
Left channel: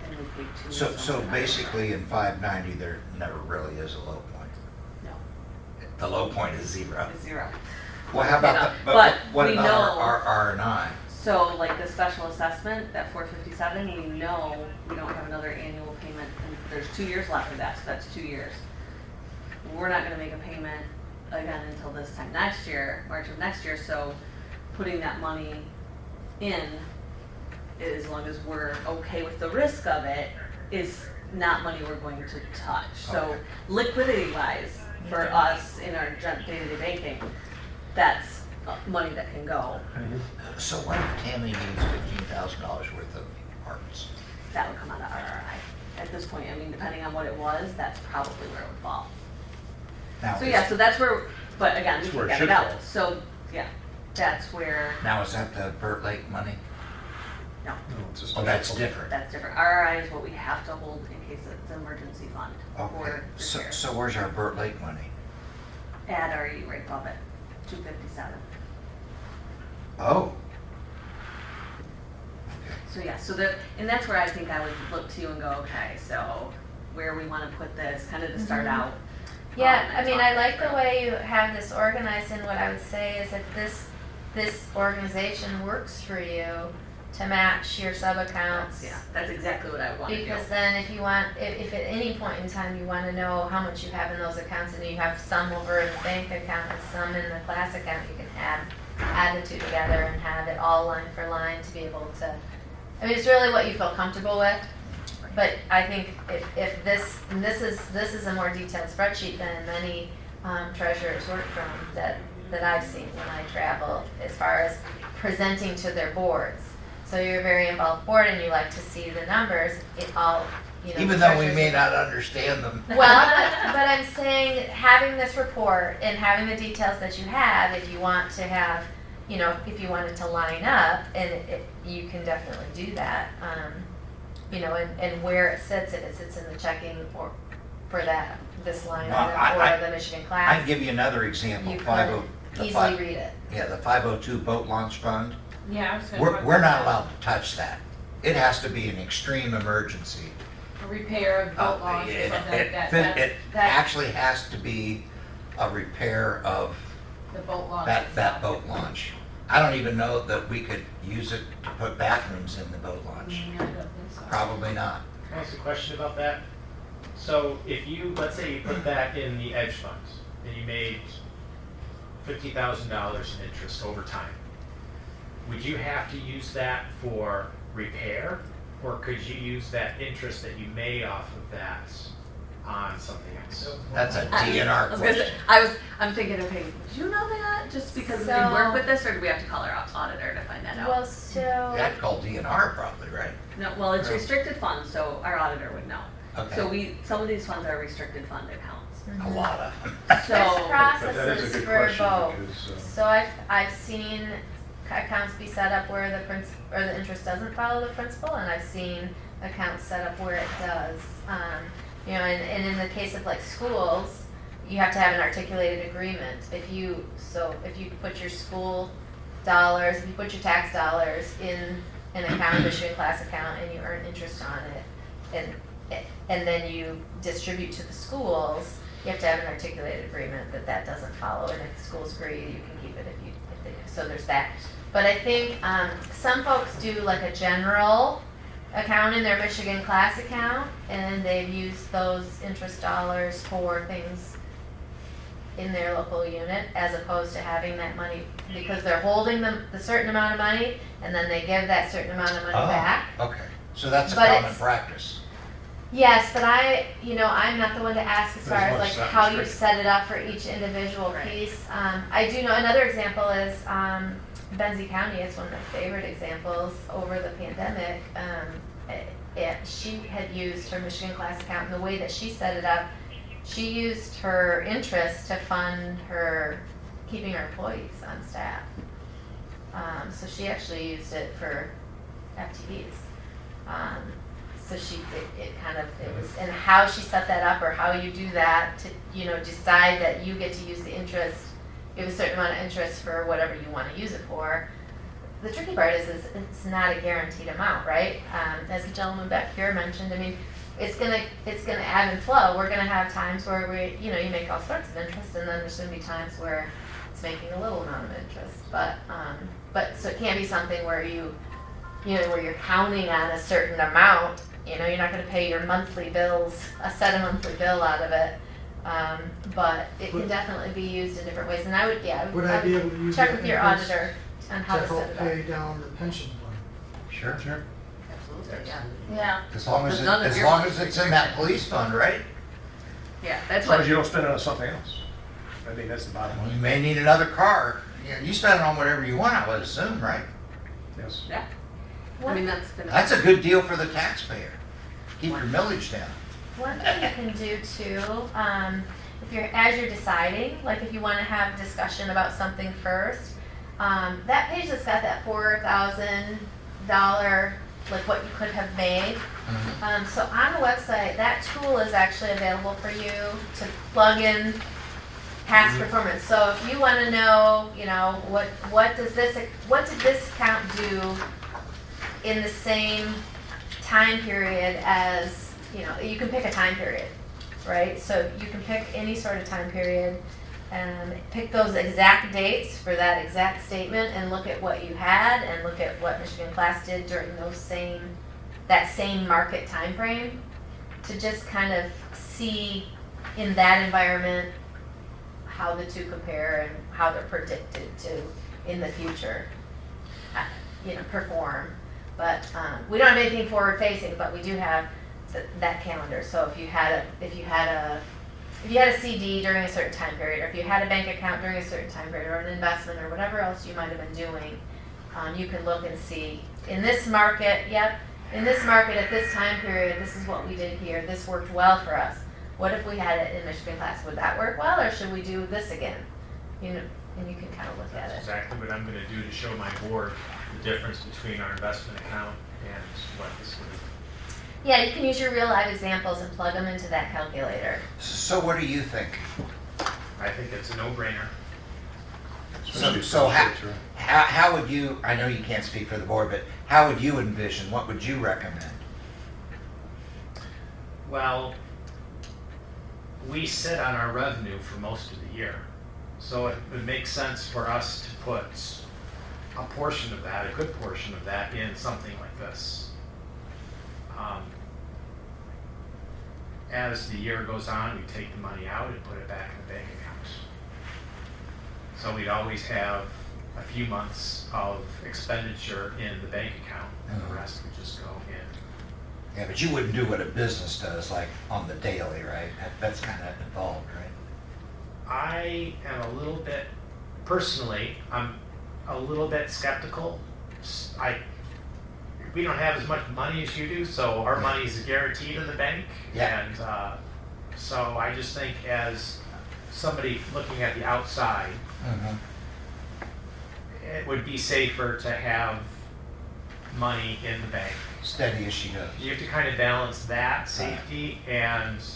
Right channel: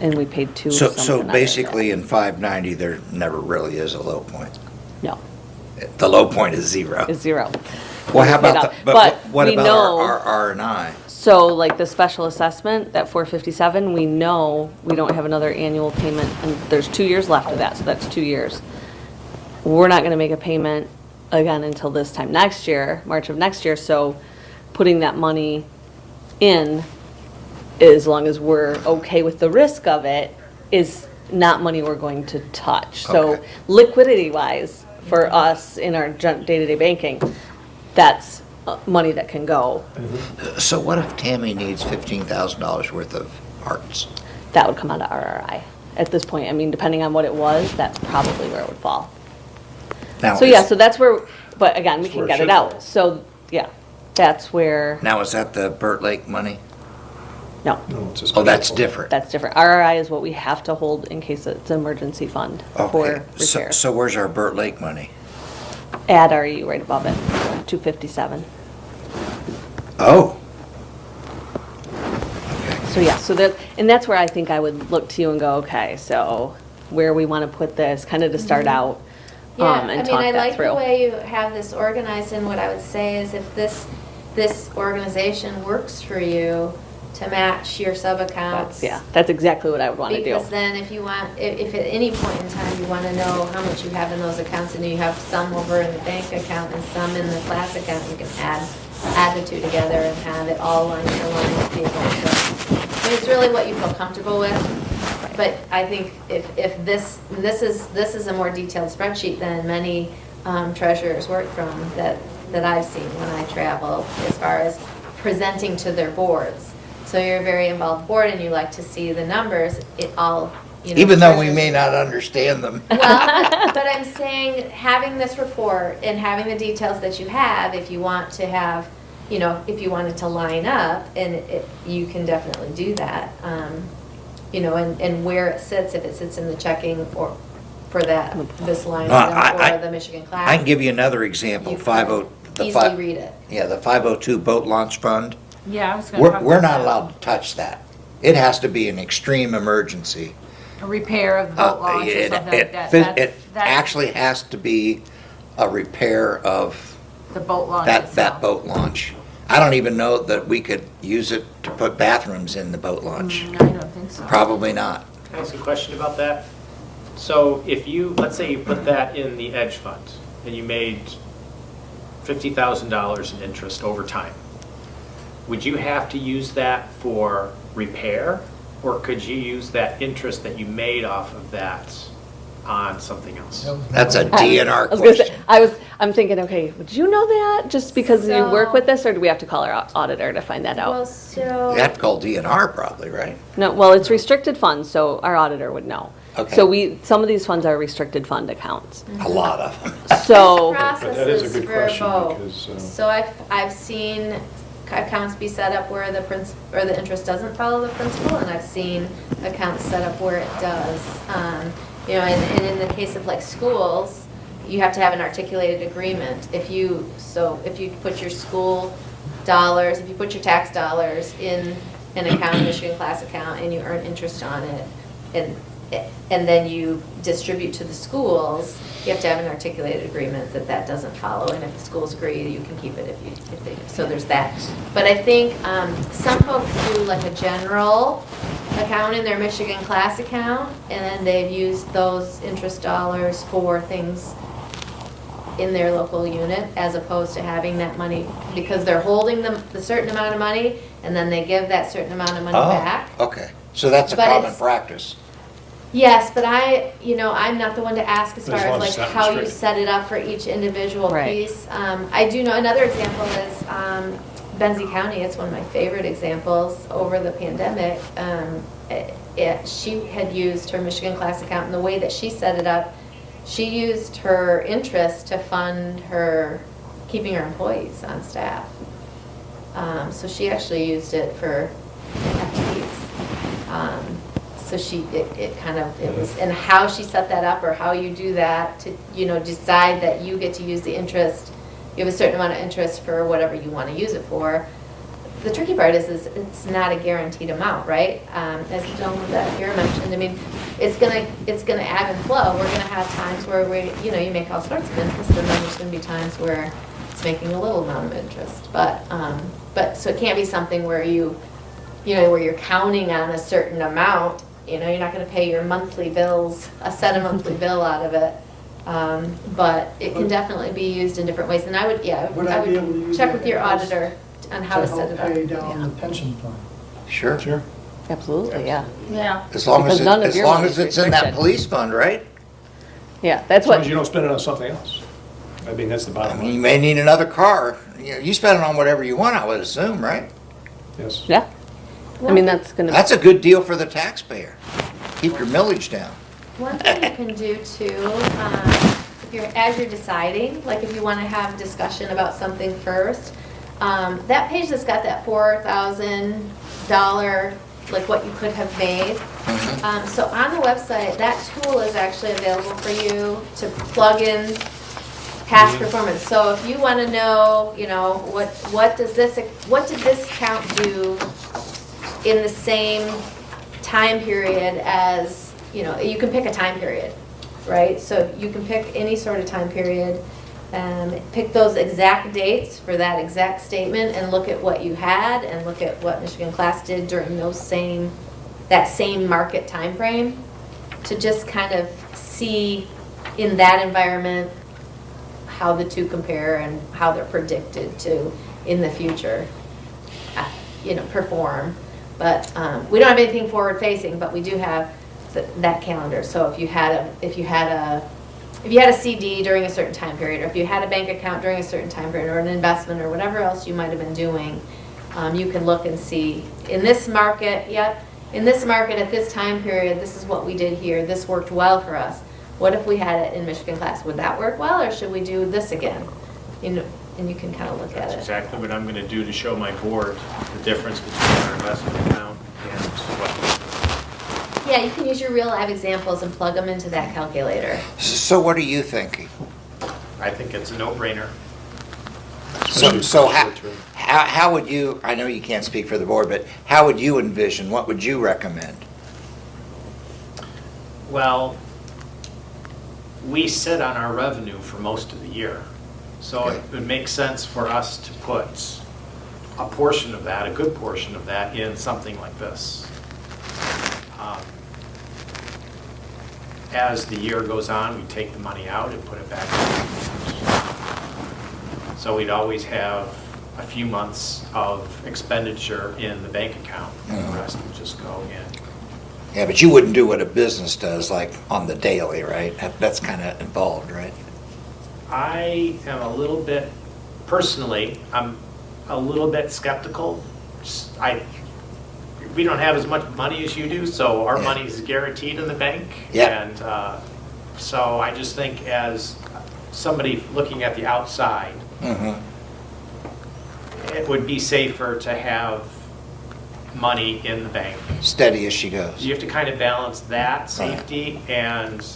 and we paid 2 So, something so out of basically that. in 590, there never really is a low point. No, The low point is zero. it's 0. Well, how Paid about, out. but what we about know- our R and I? So like the special assessment, that 457, we know we don't have another annual payment, and there's 2 years left of that, so that's 2 years. We're not gonna make a payment again until this time next year, March of next year, so putting that money in, as long as we're okay with the risk of it, is not money we're going to touch. So Okay. liquidity wise, for us in our day-to-day banking, that's money that can go. So what if Tammy needs $15,000 worth of parts? That would come out of RRI at this point. I mean, depending on what it was, that's probably where it would fall. Now, So yeah, is- so that's where, but again, we That's where can it get it should out. fall. So, yeah, that's where, Now, is that the Burt Lake money? no, No, it's a Oh, special that's fund. different. that's different. RRI is what we have to hold in case it's an emergency fund Okay, for so, repair. so where's our Burt Lake money? Add RE right above it, 257. Oh. Okay. So yeah, so that, and that's where I think I would look to you and go, okay, so where we want to put this, kind of to start out. Yeah, I and mean, talk I that like the through. way you have this organized, and what I would say is if this organization works for you to match your sub-accounts. That's exactly what I would want to do. Because then if you want, if at any point in time you want to know how much you have in those accounts, and you have some over in the bank account and some in the class account, you can add the two together and have it all line for line table. So, I mean, it's really what you feel comfortable with. But I think if this is a more detailed spreadsheet than many treasurers work from that I've seen when I travel, as far as presenting to their boards. So you're a very involved board and you like to see the numbers, it all, you know. Even though we treasurers- may not understand them. Well, but I'm saying, having this report and having the details that you have, if you want to have, you know, if you wanted to line up, and you can definitely do that. You know, and where it sits, if it sits in the checking or for that, this line item or the Michigan class. I can give you another example, You can 50, the easily fi- read it. yeah, the 502 boat launch fund. Yeah, I was gonna talk We're about not that. allowed to touch that. It has to be an extreme emergency. A repair of boat launch or It- something it- like that. It That's actually has to be a repair of the boat launch that itself. boat launch. I don't even know that we could use it to put bathrooms in the boat launch. I don't think so. Probably not. Can I ask a question about that? So if you, let's say you put that in the edge fund and you made $50,000 in interest over time, would you have to use that for repair? Or could you use that interest that you made off of that on something else? That's a DNR I was gonna say, question. I'm thinking, okay, did you know that just because we So- work with this, or do we have to call our auditor to find that Well, out? so. You have to call DNR probably, right? No, well, it's restricted funds, so our auditor would know. Okay. So some of these funds are restricted fund accounts. A lot of them. So, But that is a Processes good for question both. because, So I've seen accounts be set up where the or the interest doesn't follow the principal, and I've seen accounts set up where it does. You know, and in the case of like schools, you have to have an articulated agreement. If you put your school dollars, if you put your tax dollars in an account, an Michigan class account, and you earn interest on it, and then you distribute to the schools, you have to have an articulated agreement that doesn't follow, and if the schools agree, you can keep it if they do. So there's that. But I think some folks do like a general account in their Michigan class account, and then they've used those interest dollars for things in their local unit, as opposed to having that money, because they're holding the certain amount of money, and then they give that certain amount of money back. Oh, okay. So that's a But common it's- practice. Yes, but I'm not the one to ask as far As long as as like it's not how you restricted. set it up for each individual Right. piece. I do know, another example is Benzie County. It's one of my favorite examples over the pandemic. She had used her Michigan class account, and the way that she set it up, she used her interest to fund her, keeping her employees on staff. So she actually used it for FTEs. So it kind of, it was, and how she set that up, or how you do that to, decide that you get to use the interest, you have a certain amount of interest for whatever you want to use it for. The tricky part is it's not a guaranteed amount, right? As the gentleman that here mentioned, I mean, it's gonna ebb and flow. We're gonna have times where you make all sorts of interest, and then there's gonna be times where it's making a little amount of interest. But so it can't be something where where you're counting on a certain amount. You're not gonna pay your monthly bills, a set of monthly bill out of it. But it can definitely be used in different ways. And I would Would I be able to use check that with your interest auditor on how to set it up. pay down the pension fund? Sure. Sure. Absolutely, yeah. Yeah. As long as, Because none of as your long money as is it's in that restricted. police fund, right? Yeah, that's As long what, as you don't spend it on something else. I mean, that's the I bottom mean, you line. may need another car. You spend it on whatever you want, I would assume, right? Yes. yeah. I mean, that's gonna, That's a good deal for the taxpayer. Keep your millage down. One thing you can do too, as you're deciding, like if you want to have a discussion about something first, that page that's got that $4,000, like what you could have made. Mhm. So on the website, that tool is actually available for you to plug in past performance. So if you want to know, what did this account do in the same time period as, you can pick a time period, right? So you can pick any sort of time period and pick those exact dates for that exact statement and look at what you had and look at what Michigan Class did during that same market time frame, to just kind of see in that environment how the two compare and how they're predicted to in the future, perform. But we don't have anything forward facing, but we do have that calendar. So if you had a CD during a certain time period, or if you had a bank account during a certain time period, or an investment, or whatever else you might have been doing, you can look and see, in this market, in this market at this time period, this is what we did here, this worked well for us. What if we had it in Michigan Class? Would that work well, or should we do this again? And you can kind of look at That's it. exactly what I'm gonna do to show my board the difference between our investment account and what. Yeah, you can use your real live examples and plug them into that calculator. So what are you thinking? I think it's a no-brainer. So how would you, I know you can't speak for the board, but how would you envision, what would you recommend? Well, we sit on our revenue for most of the year. So it would make sense for us to put a portion of that, a good portion of that, in something like this. As the year goes on, we take the money out and put it back in. So we'd always have a few months of expenditure in the bank account, and the rest would just go in. Yeah, but you wouldn't do what a business does, like on the daily, right? That's kind of involved, right? I am a little bit, personally, I'm a little bit skeptical. We don't have as much money as you do, so our Yeah. money is guaranteed in the bank. Yeah. And so I just think, as somebody looking at the outside, Mhm. it would be safer to have money in the bank. Steady as she goes. You have to kind of balance that safety and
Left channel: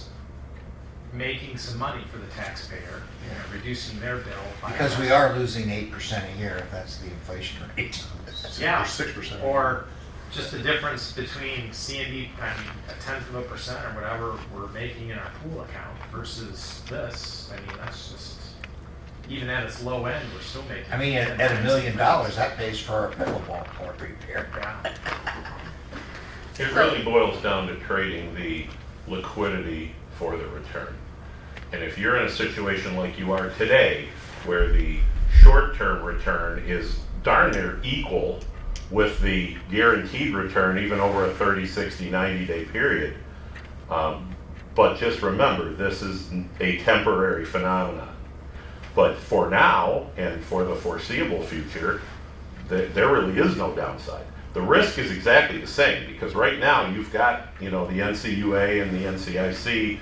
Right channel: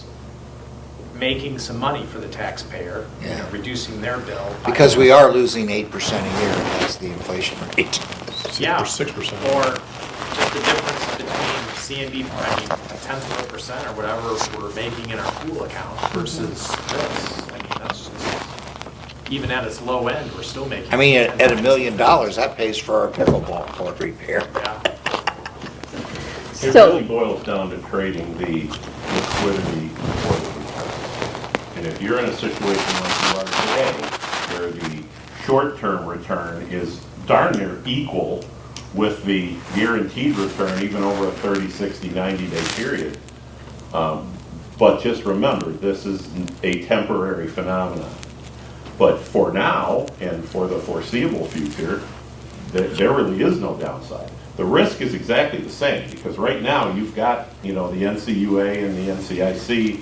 making some money for the taxpayer, Yeah. reducing their bill. by- Because we are losing 8% a year, that's the inflation rate. Yeah. Or 6%. Or just the difference between C&D, I mean, a 0.1% or whatever we're making in our pool account versus this. I mean, that's just, even at its low end, we're still making. I mean, 10 at $1 times million, that. that pays for our pickleball court repair. Yeah. It So- really boils down to trading the liquidity for the return. And if you're in a situation like you are today, where the short-term return is darn near equal with the guaranteed return, even over a 30, 60, 90-day period. But just remember, this is a temporary phenomenon. But for now, and for the foreseeable future, there really is no downside. The risk is exactly the same, because right now, you've got, the NCUA and the NCIC,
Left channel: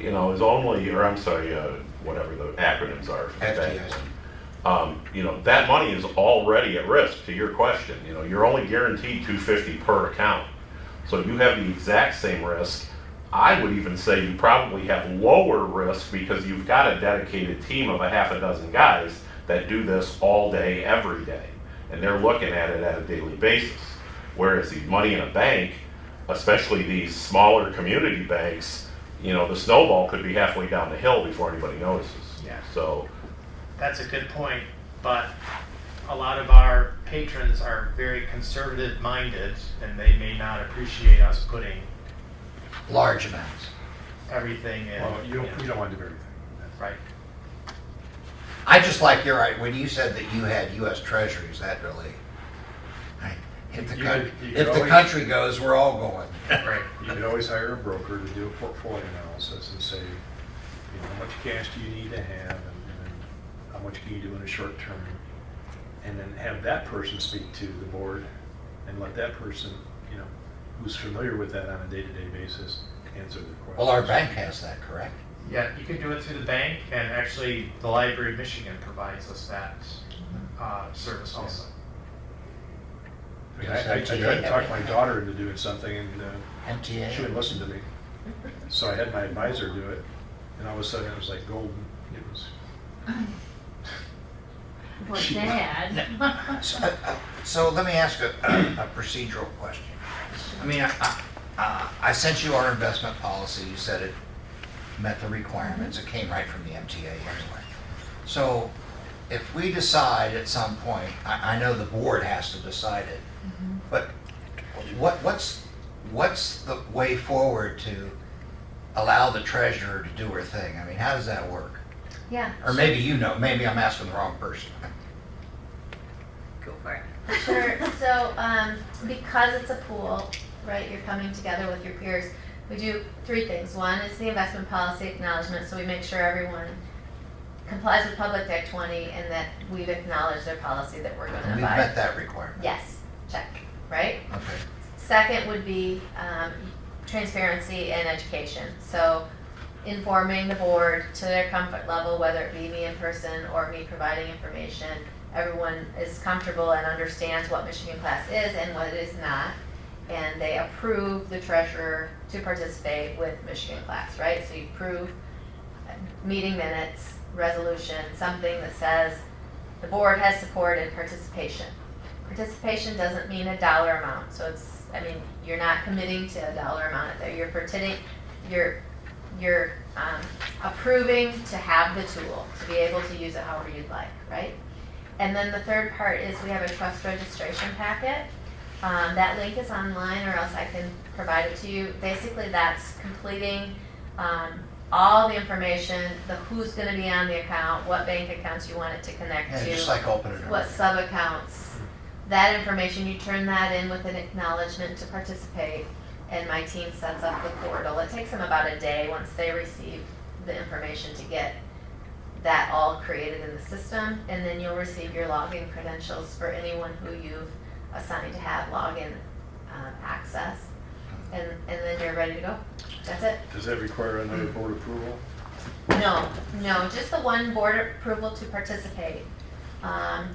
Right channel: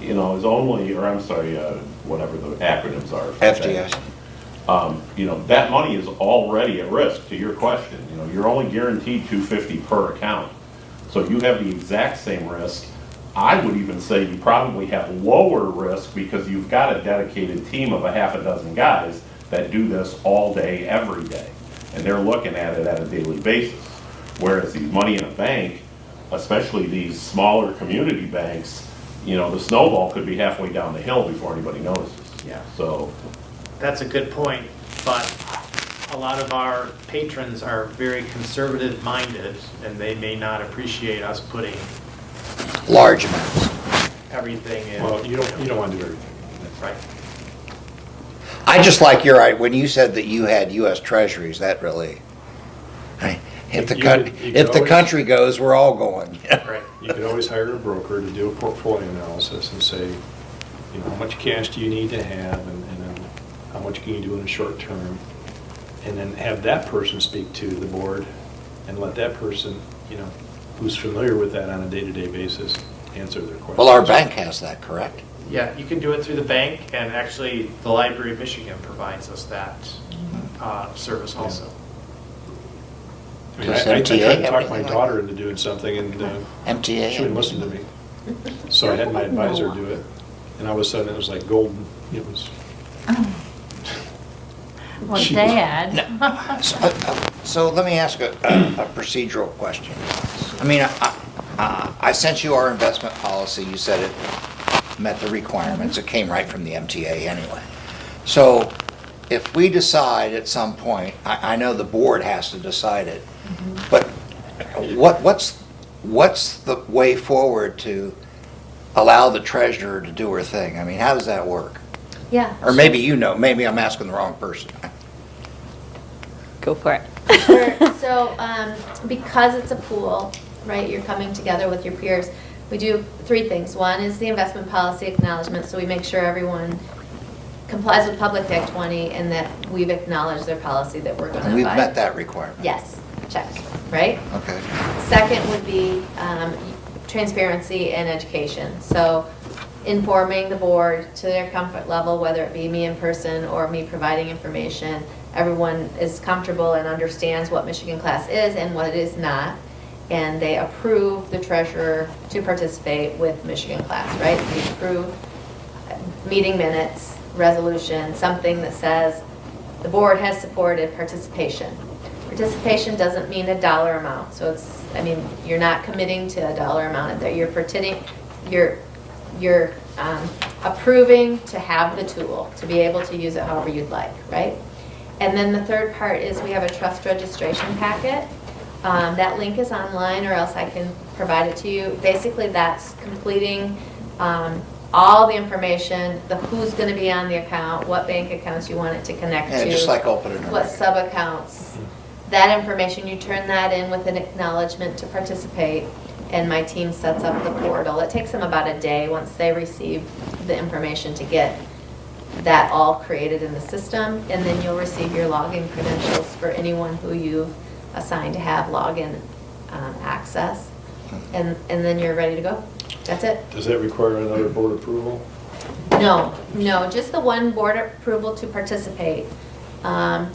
is only, or I'm sorry, whatever the acronyms are. FDIC. That money is already at risk, to your question. You're only guaranteed $250 per account. So you have the exact same risk. I would even say you probably have lower risk because you've got a dedicated team of a half a dozen guys that do this all day, every day. And they're looking at it at a daily basis. Whereas the money in a bank, especially these smaller community banks, you know, the snowball could be halfway down the hill before anybody notices. Yeah. So, That's a good point, but a lot of our patrons are very conservative minded and they may not appreciate us putting Large amounts. everything in. Well, you don't want to do everything. Right. I just like when you said that you had US Treasuries, that really, if the, You could always- country goes, we're all going. Right. You could always hire a broker to do a portfolio analysis and say, you know, how much cash do you need to have, and then how much can you do in a short term? And then have that person speak to the board and let that person, you know, who's familiar with that on a day-to-day basis, answer their questions. Well, our bank has that, correct? Yeah, you can do it through the bank, and actually, the Library of Michigan provides us that service also. I mean, Does I tried MTA to have talk my anything like daughter into doing something, and MTA. she wouldn't listen to me. So I had my advisor do it, and all of a sudden, it was like golden. It was. Well, She- Dad. So let me ask a procedural question. I mean, I sent you our investment policy, you said it met the requirements, it came right from the MTA anyway. So if we decide at some point, I know the board has to decide it, but what's the way forward to allow the treasurer to do her thing? I mean, how does that work? Yeah. Or maybe you know, maybe I'm asking the wrong person. Go for it. Sure. So, because it's a pool, right, you're coming together with your peers, we do three things. One is the investment policy acknowledgement, so we make sure everyone complies with Public Act 20 and that we've acknowledged their policy that we're going to And we've abide. met that requirement. Yes, checked, right? Okay. Second would be transparency and education. So informing the board to their comfort level, whether it be me in person or me providing information, everyone is comfortable and understands what Michigan Class is and what it is not. And they approve the treasurer to participate with Michigan Class, right? So you approve meeting minutes, resolution, something that says the board has supported participation. Participation doesn't mean a dollar amount, so it's, I mean, you're not committing to a dollar amount in there. You're approving to have the tool, to be able to use it however you'd like, right? And then the third part is we have a trust registration packet. That link is online, or else I can provide it to you. Basically, that's completing all the information, the who's going to be on the account, what bank accounts you want it to connect Yeah, to. just like opening a What bank. sub-accounts. That information, you turn that in with an acknowledgement to participate, and my team sets up the portal. It takes them about a day once they receive the information to get that all created in the system, and then you'll receive your login credentials for anyone who you've assigned to have login access, and then you're ready to go. That's it. Does that require another board approval? No, just the one board approval to participate. And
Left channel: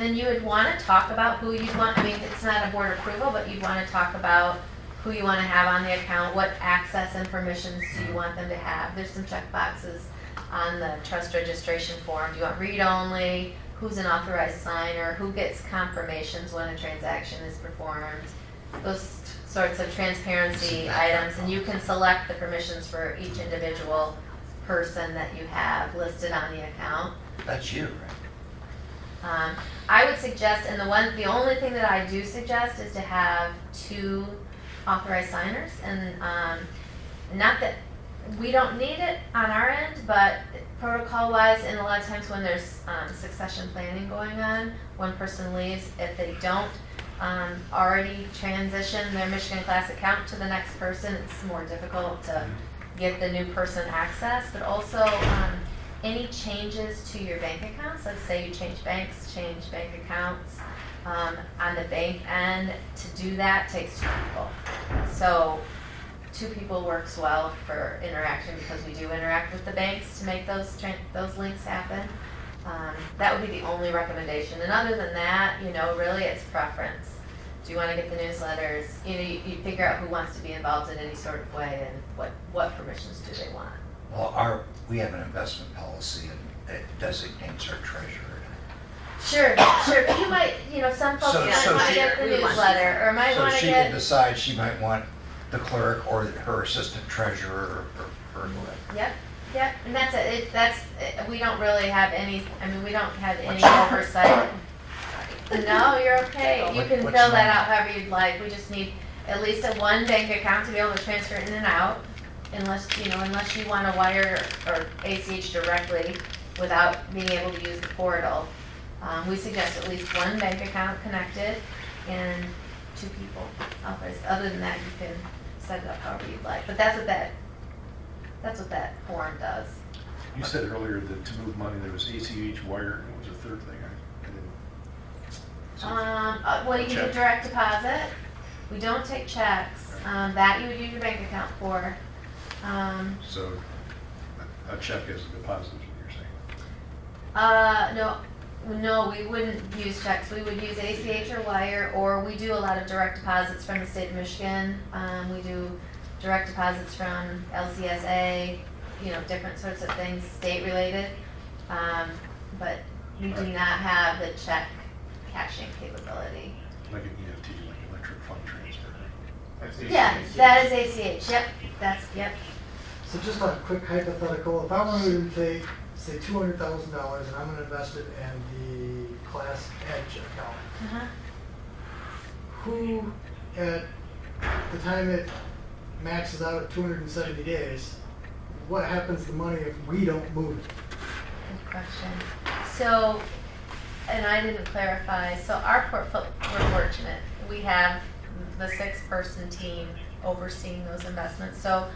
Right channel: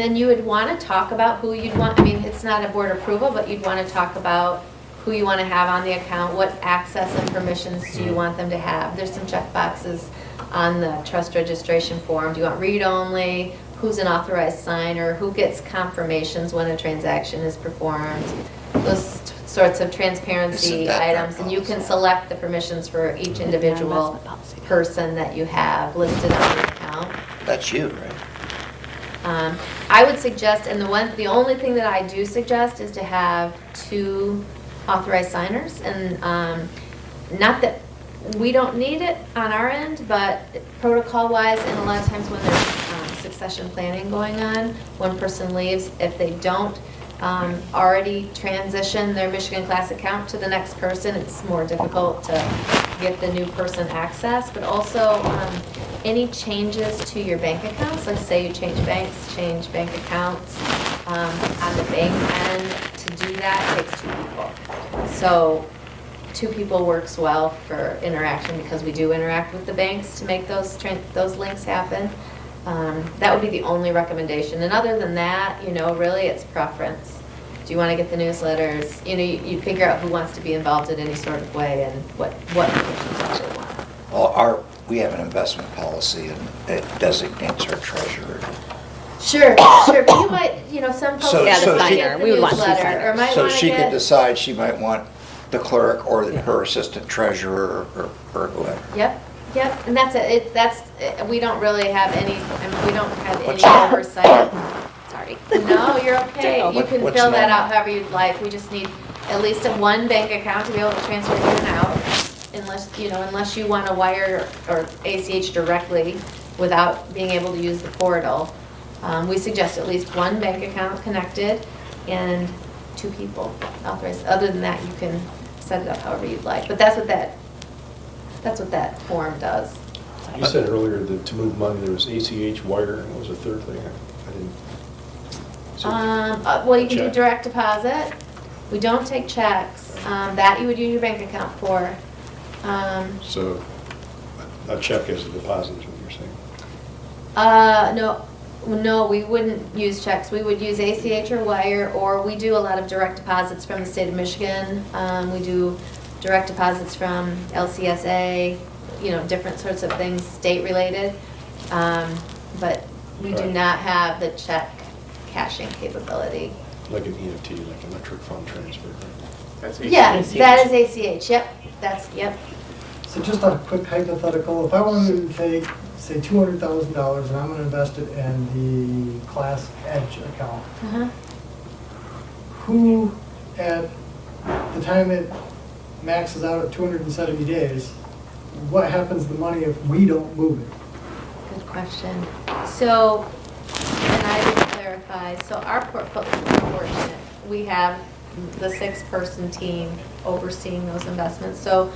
then you would want to talk about who you'd want, I mean, it's not a board approval, but you'd want to talk about who you want to have on the account, what access and permissions do you want them to have. There's some check boxes on the trust registration form. Do you want read-only? Who's an authorized signer? Who gets confirmations when a transaction is performed? Those sorts of transparency Isn't that items. And you can select the permissions for each individual person that you have listed on the account. That's you, right? I would suggest, and the only thing that I do suggest is to have 2 authorized signers, and not that we don't need it on our end, but protocol-wise, and a lot of times when there's succession planning going on, one person leaves, if they don't already transition their Michigan Class account to the next person, it's more difficult to get the new person access, but also any changes to your bank accounts, like say you change banks, change bank accounts, on the bank end, to do that takes 2 people. So 2 people works well for interaction, because we do interact with the banks to make those links happen. That would be the only recommendation. And other than that, really it's preference. Do you want to get the newsletters? You know, you figure out who wants to be involved in any sort of way and what permissions they want. Well, we have an investment policy and it designates our treasurer. Sure, but you might, some folks So- might so want she- to get the we would want two newsletter, or signers. might So want to she can get, decide she might want the clerk or her assistant treasurer or whoever. yep, and that's it, we don't really have any, we don't have any What's your- oversight. Sorry. No, you're okay, you What- can what's fill that normal? out however you'd like, we just need at least one bank account to be able to transfer in and out, unless you want to wire or ACH directly without being able to use the portal. We suggest at least one bank account connected and 2 people authorized. Other than that, you can set it up however you'd like, but that's what that form does. You said earlier that to move money, there was ACH, wire, and what was the third thing? I didn't. So- Well, you can do Check. direct deposit. We don't take checks. That you would use your bank account for. So a check as a deposit is what you're saying? No, we wouldn't use checks. We would use ACH or wire, or we do a lot of direct deposits from the state of Michigan. We do direct deposits from LCSA, different sorts of things, state-related. But we do Right. not have the check cashing capability. Like an EFT, like electric fund transfer. That's Yeah, ACH. that is ACH, yep. So just a quick hypothetical, if I wanted to take, say, $200,000 and I'm gonna invest it in the Class Edge account, Uh-huh. who, at the time it maxes out at 270 days, what happens to the money if we don't move it? Good question. So, and I will clarify, so our portfolio is fortunate. We have the 6-person team overseeing those investments. So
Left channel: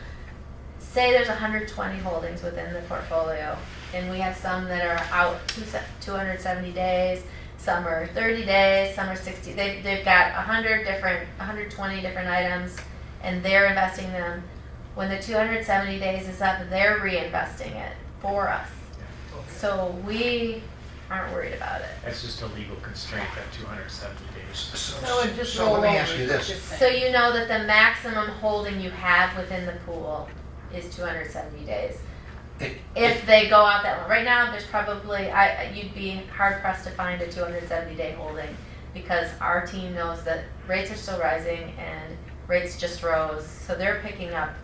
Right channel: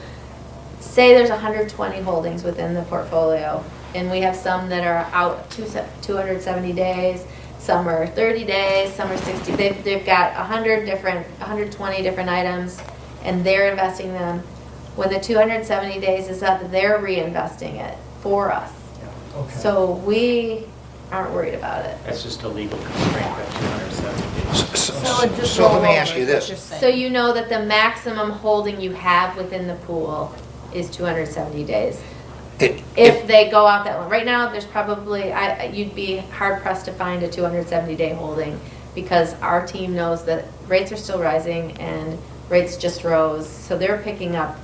say there's 120 holdings within the portfolio, and we have some that are out 270 days, some are 30 days, some are 60. They've got 120 different items, and they're investing them. When the 270 days is up, they're reinvesting it for us. Okay. So we aren't worried about it. That's just a legal constraint, that 270 days. So it just So let roll me over, ask you is what this. you're saying. So you know that the maximum holding you have within the pool is 270 days. If they go out that one. Right now, there's probably, you'd be hard pressed to find a 270-day holding because our team knows that rates are still rising and rates just rose. So they're picking up,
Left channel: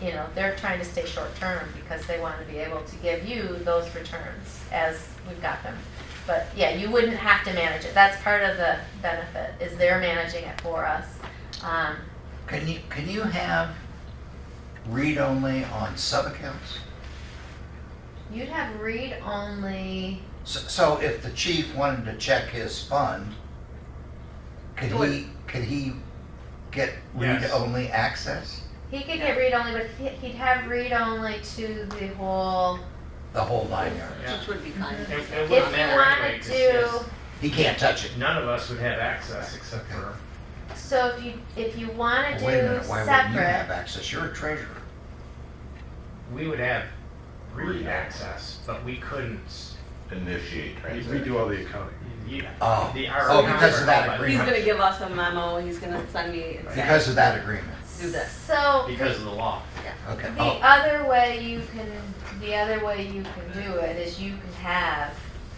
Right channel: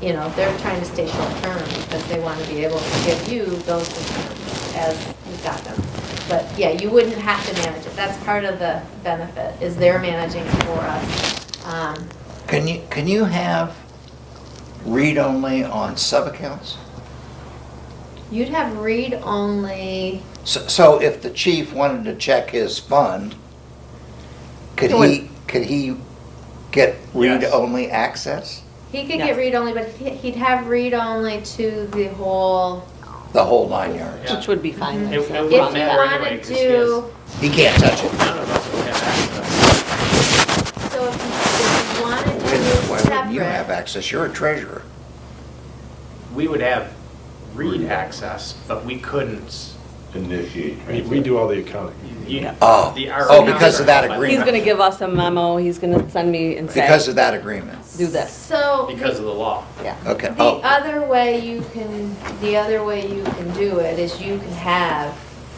they're trying to stay short term because they want to be able to give you those returns as we got them. But yeah, you wouldn't have to manage it. That's part of the benefit, is they're managing it for us. Can you have read-only on sub-accounts? You'd have read-only, So if the chief wanted to check his fund, could he get Yes. read-only access? he could Yes. get read-only, but he'd have read-only to the whole, The whole 9 yards? Yeah. Which would be fine. It if wouldn't you matter anyway, wanted 'cause to, He can't touch it. none of us would have access. so if you wanted Wait a minute, to why wouldn't you have separate, access? You're a treasurer. We would have read access, but we couldn't. Initiate. We do all the accounting. Oh, because of that He's agreement. gonna give us a memo, he's gonna send me and say, Because of that agreement. do this. so Because of the law. Yeah. Okay. the Oh, other way you can do it is you can have,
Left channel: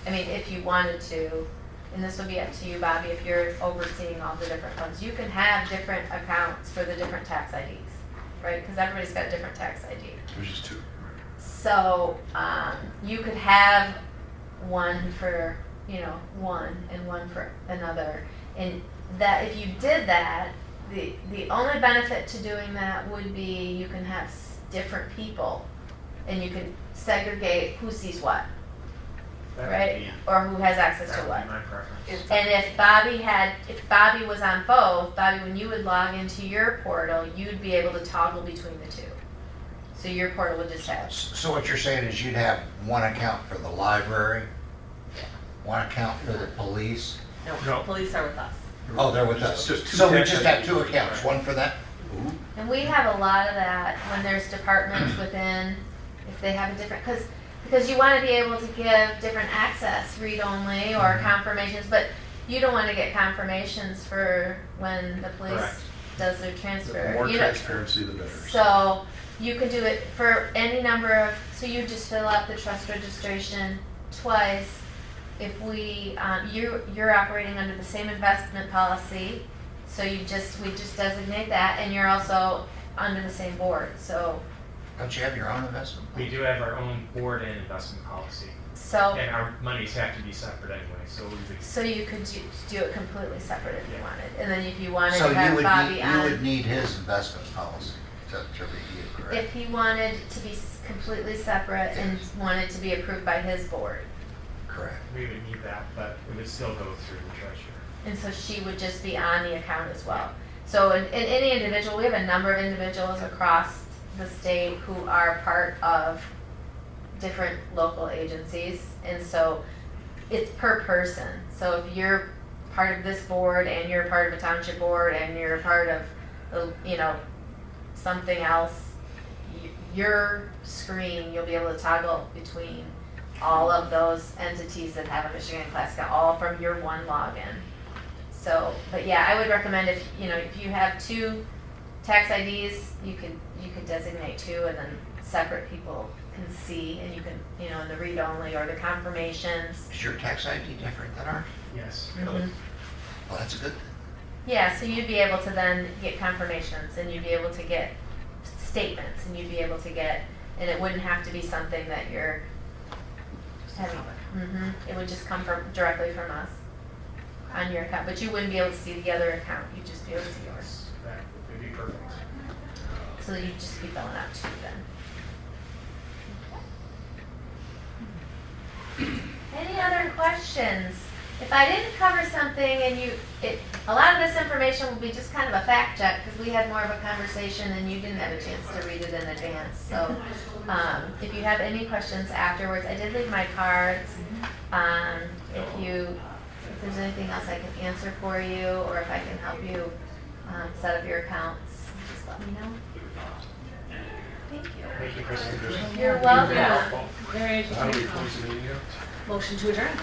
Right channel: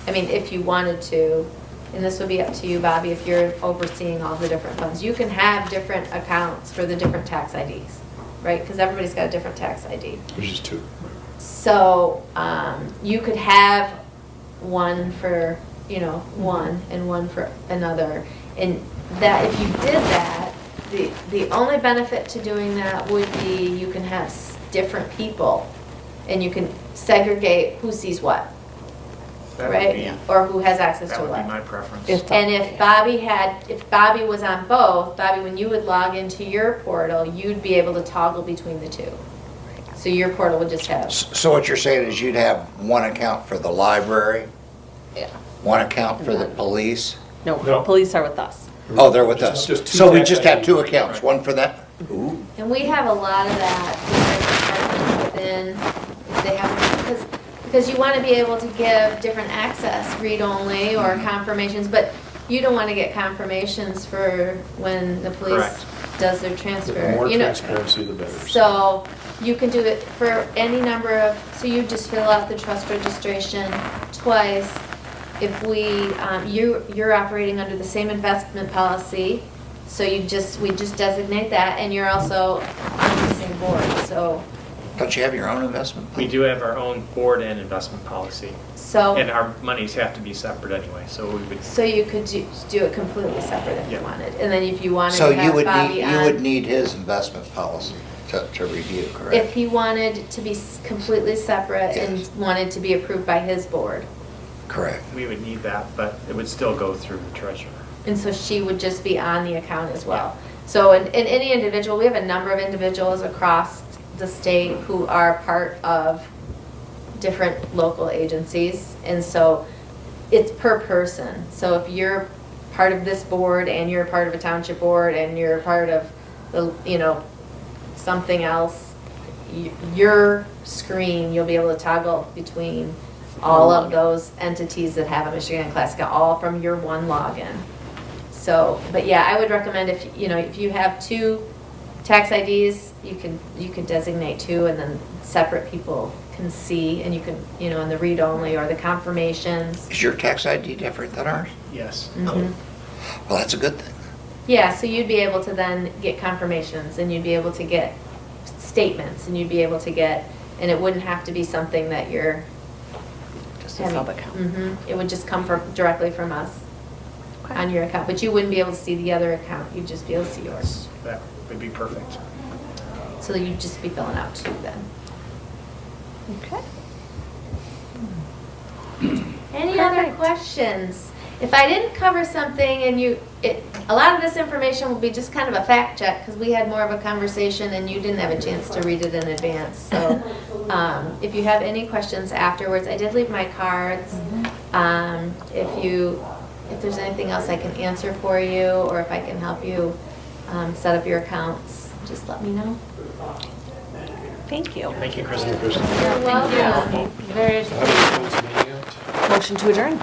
if you wanted to, and this would be up to you, Bobby, if you're overseeing all the different funds, you can have different accounts for the different tax IDs, right? Because everybody's got a different tax ID. Which is 2. So, you could have one for, one and one for another. And that, if you did that, the only benefit to doing that would be you can have different people and you can segregate who sees what, That would right? be, Or who has access that to would be what. my preference. If- And if Bobby was on both, Bobby, when you would log into your portal, you'd be able to toggle between the two. So your portal would just have, so what you're saying is you'd have one account for the library, yeah. one account for the police? No, No. police are with us. Oh, they're with us. Just 2 So we tax just have IDs. 2 accounts, one for that? Ooh. And we have a lot of that within departments within, they have, because you want to be able to give different access, read-only or confirmations, but you don't wanna get confirmations for when the police Correct. does their transfer. The more You know, transparency, the better. So you can do it for any number of, so you just fill out the trust registration twice. If we, you're operating under the same investment policy, so we just designate that, and you're also on the same board, so, Don't you have your own investment? We do have our own board and investment policy, and so, our monies have to be separate anyway, so we would, so you could do it completely separate if you Yeah. wanted. And then if you wanted So to you have would Bobby need, on. you would need his investment policy to review, If correct? he wanted to be completely separate and Yes. wanted to be approved by his board. Correct. we would need that, but it would still go through the treasurer. And so she would just be on the account as well. So in any individual, we have a number of individuals across the state who are part of different local agencies. And so it's per person. So if you're part of this board and you're part of a township board and you're part of the, something else, your screen, you'll be able to toggle between all of those entities that have a Michigan Class account, all from your one login. So, but yeah, I would recommend if you have two tax IDs, you could designate two, and then separate people can see, and you can, in the read-only or the confirmations. Is your tax ID different than ours? Yes. Mhm. Well, that's a good thing. Yeah, so you'd be able to then get confirmations, and you'd be able to get statements, and you'd be able to get, and it wouldn't have to be something that you're Just a having. sub-account. It would just come directly from us on your account, but you wouldn't be able to see the other account, you'd just be able to see yours. That would be perfect. So you'd just be filling out two then. Okay. Any other questions? If I didn't cover something and a lot of this information will be just kind of a fact check, because we had more of a conversation and you didn't have a chance to read it in advance. So if you have any questions afterwards, I did leave my cards. If there's anything else I can answer for you, or if I can help you set up your accounts, just let me know. Thank you. Thank you, Kristen. You're welcome. Very So how do we close the meeting out? Motion to adjourn.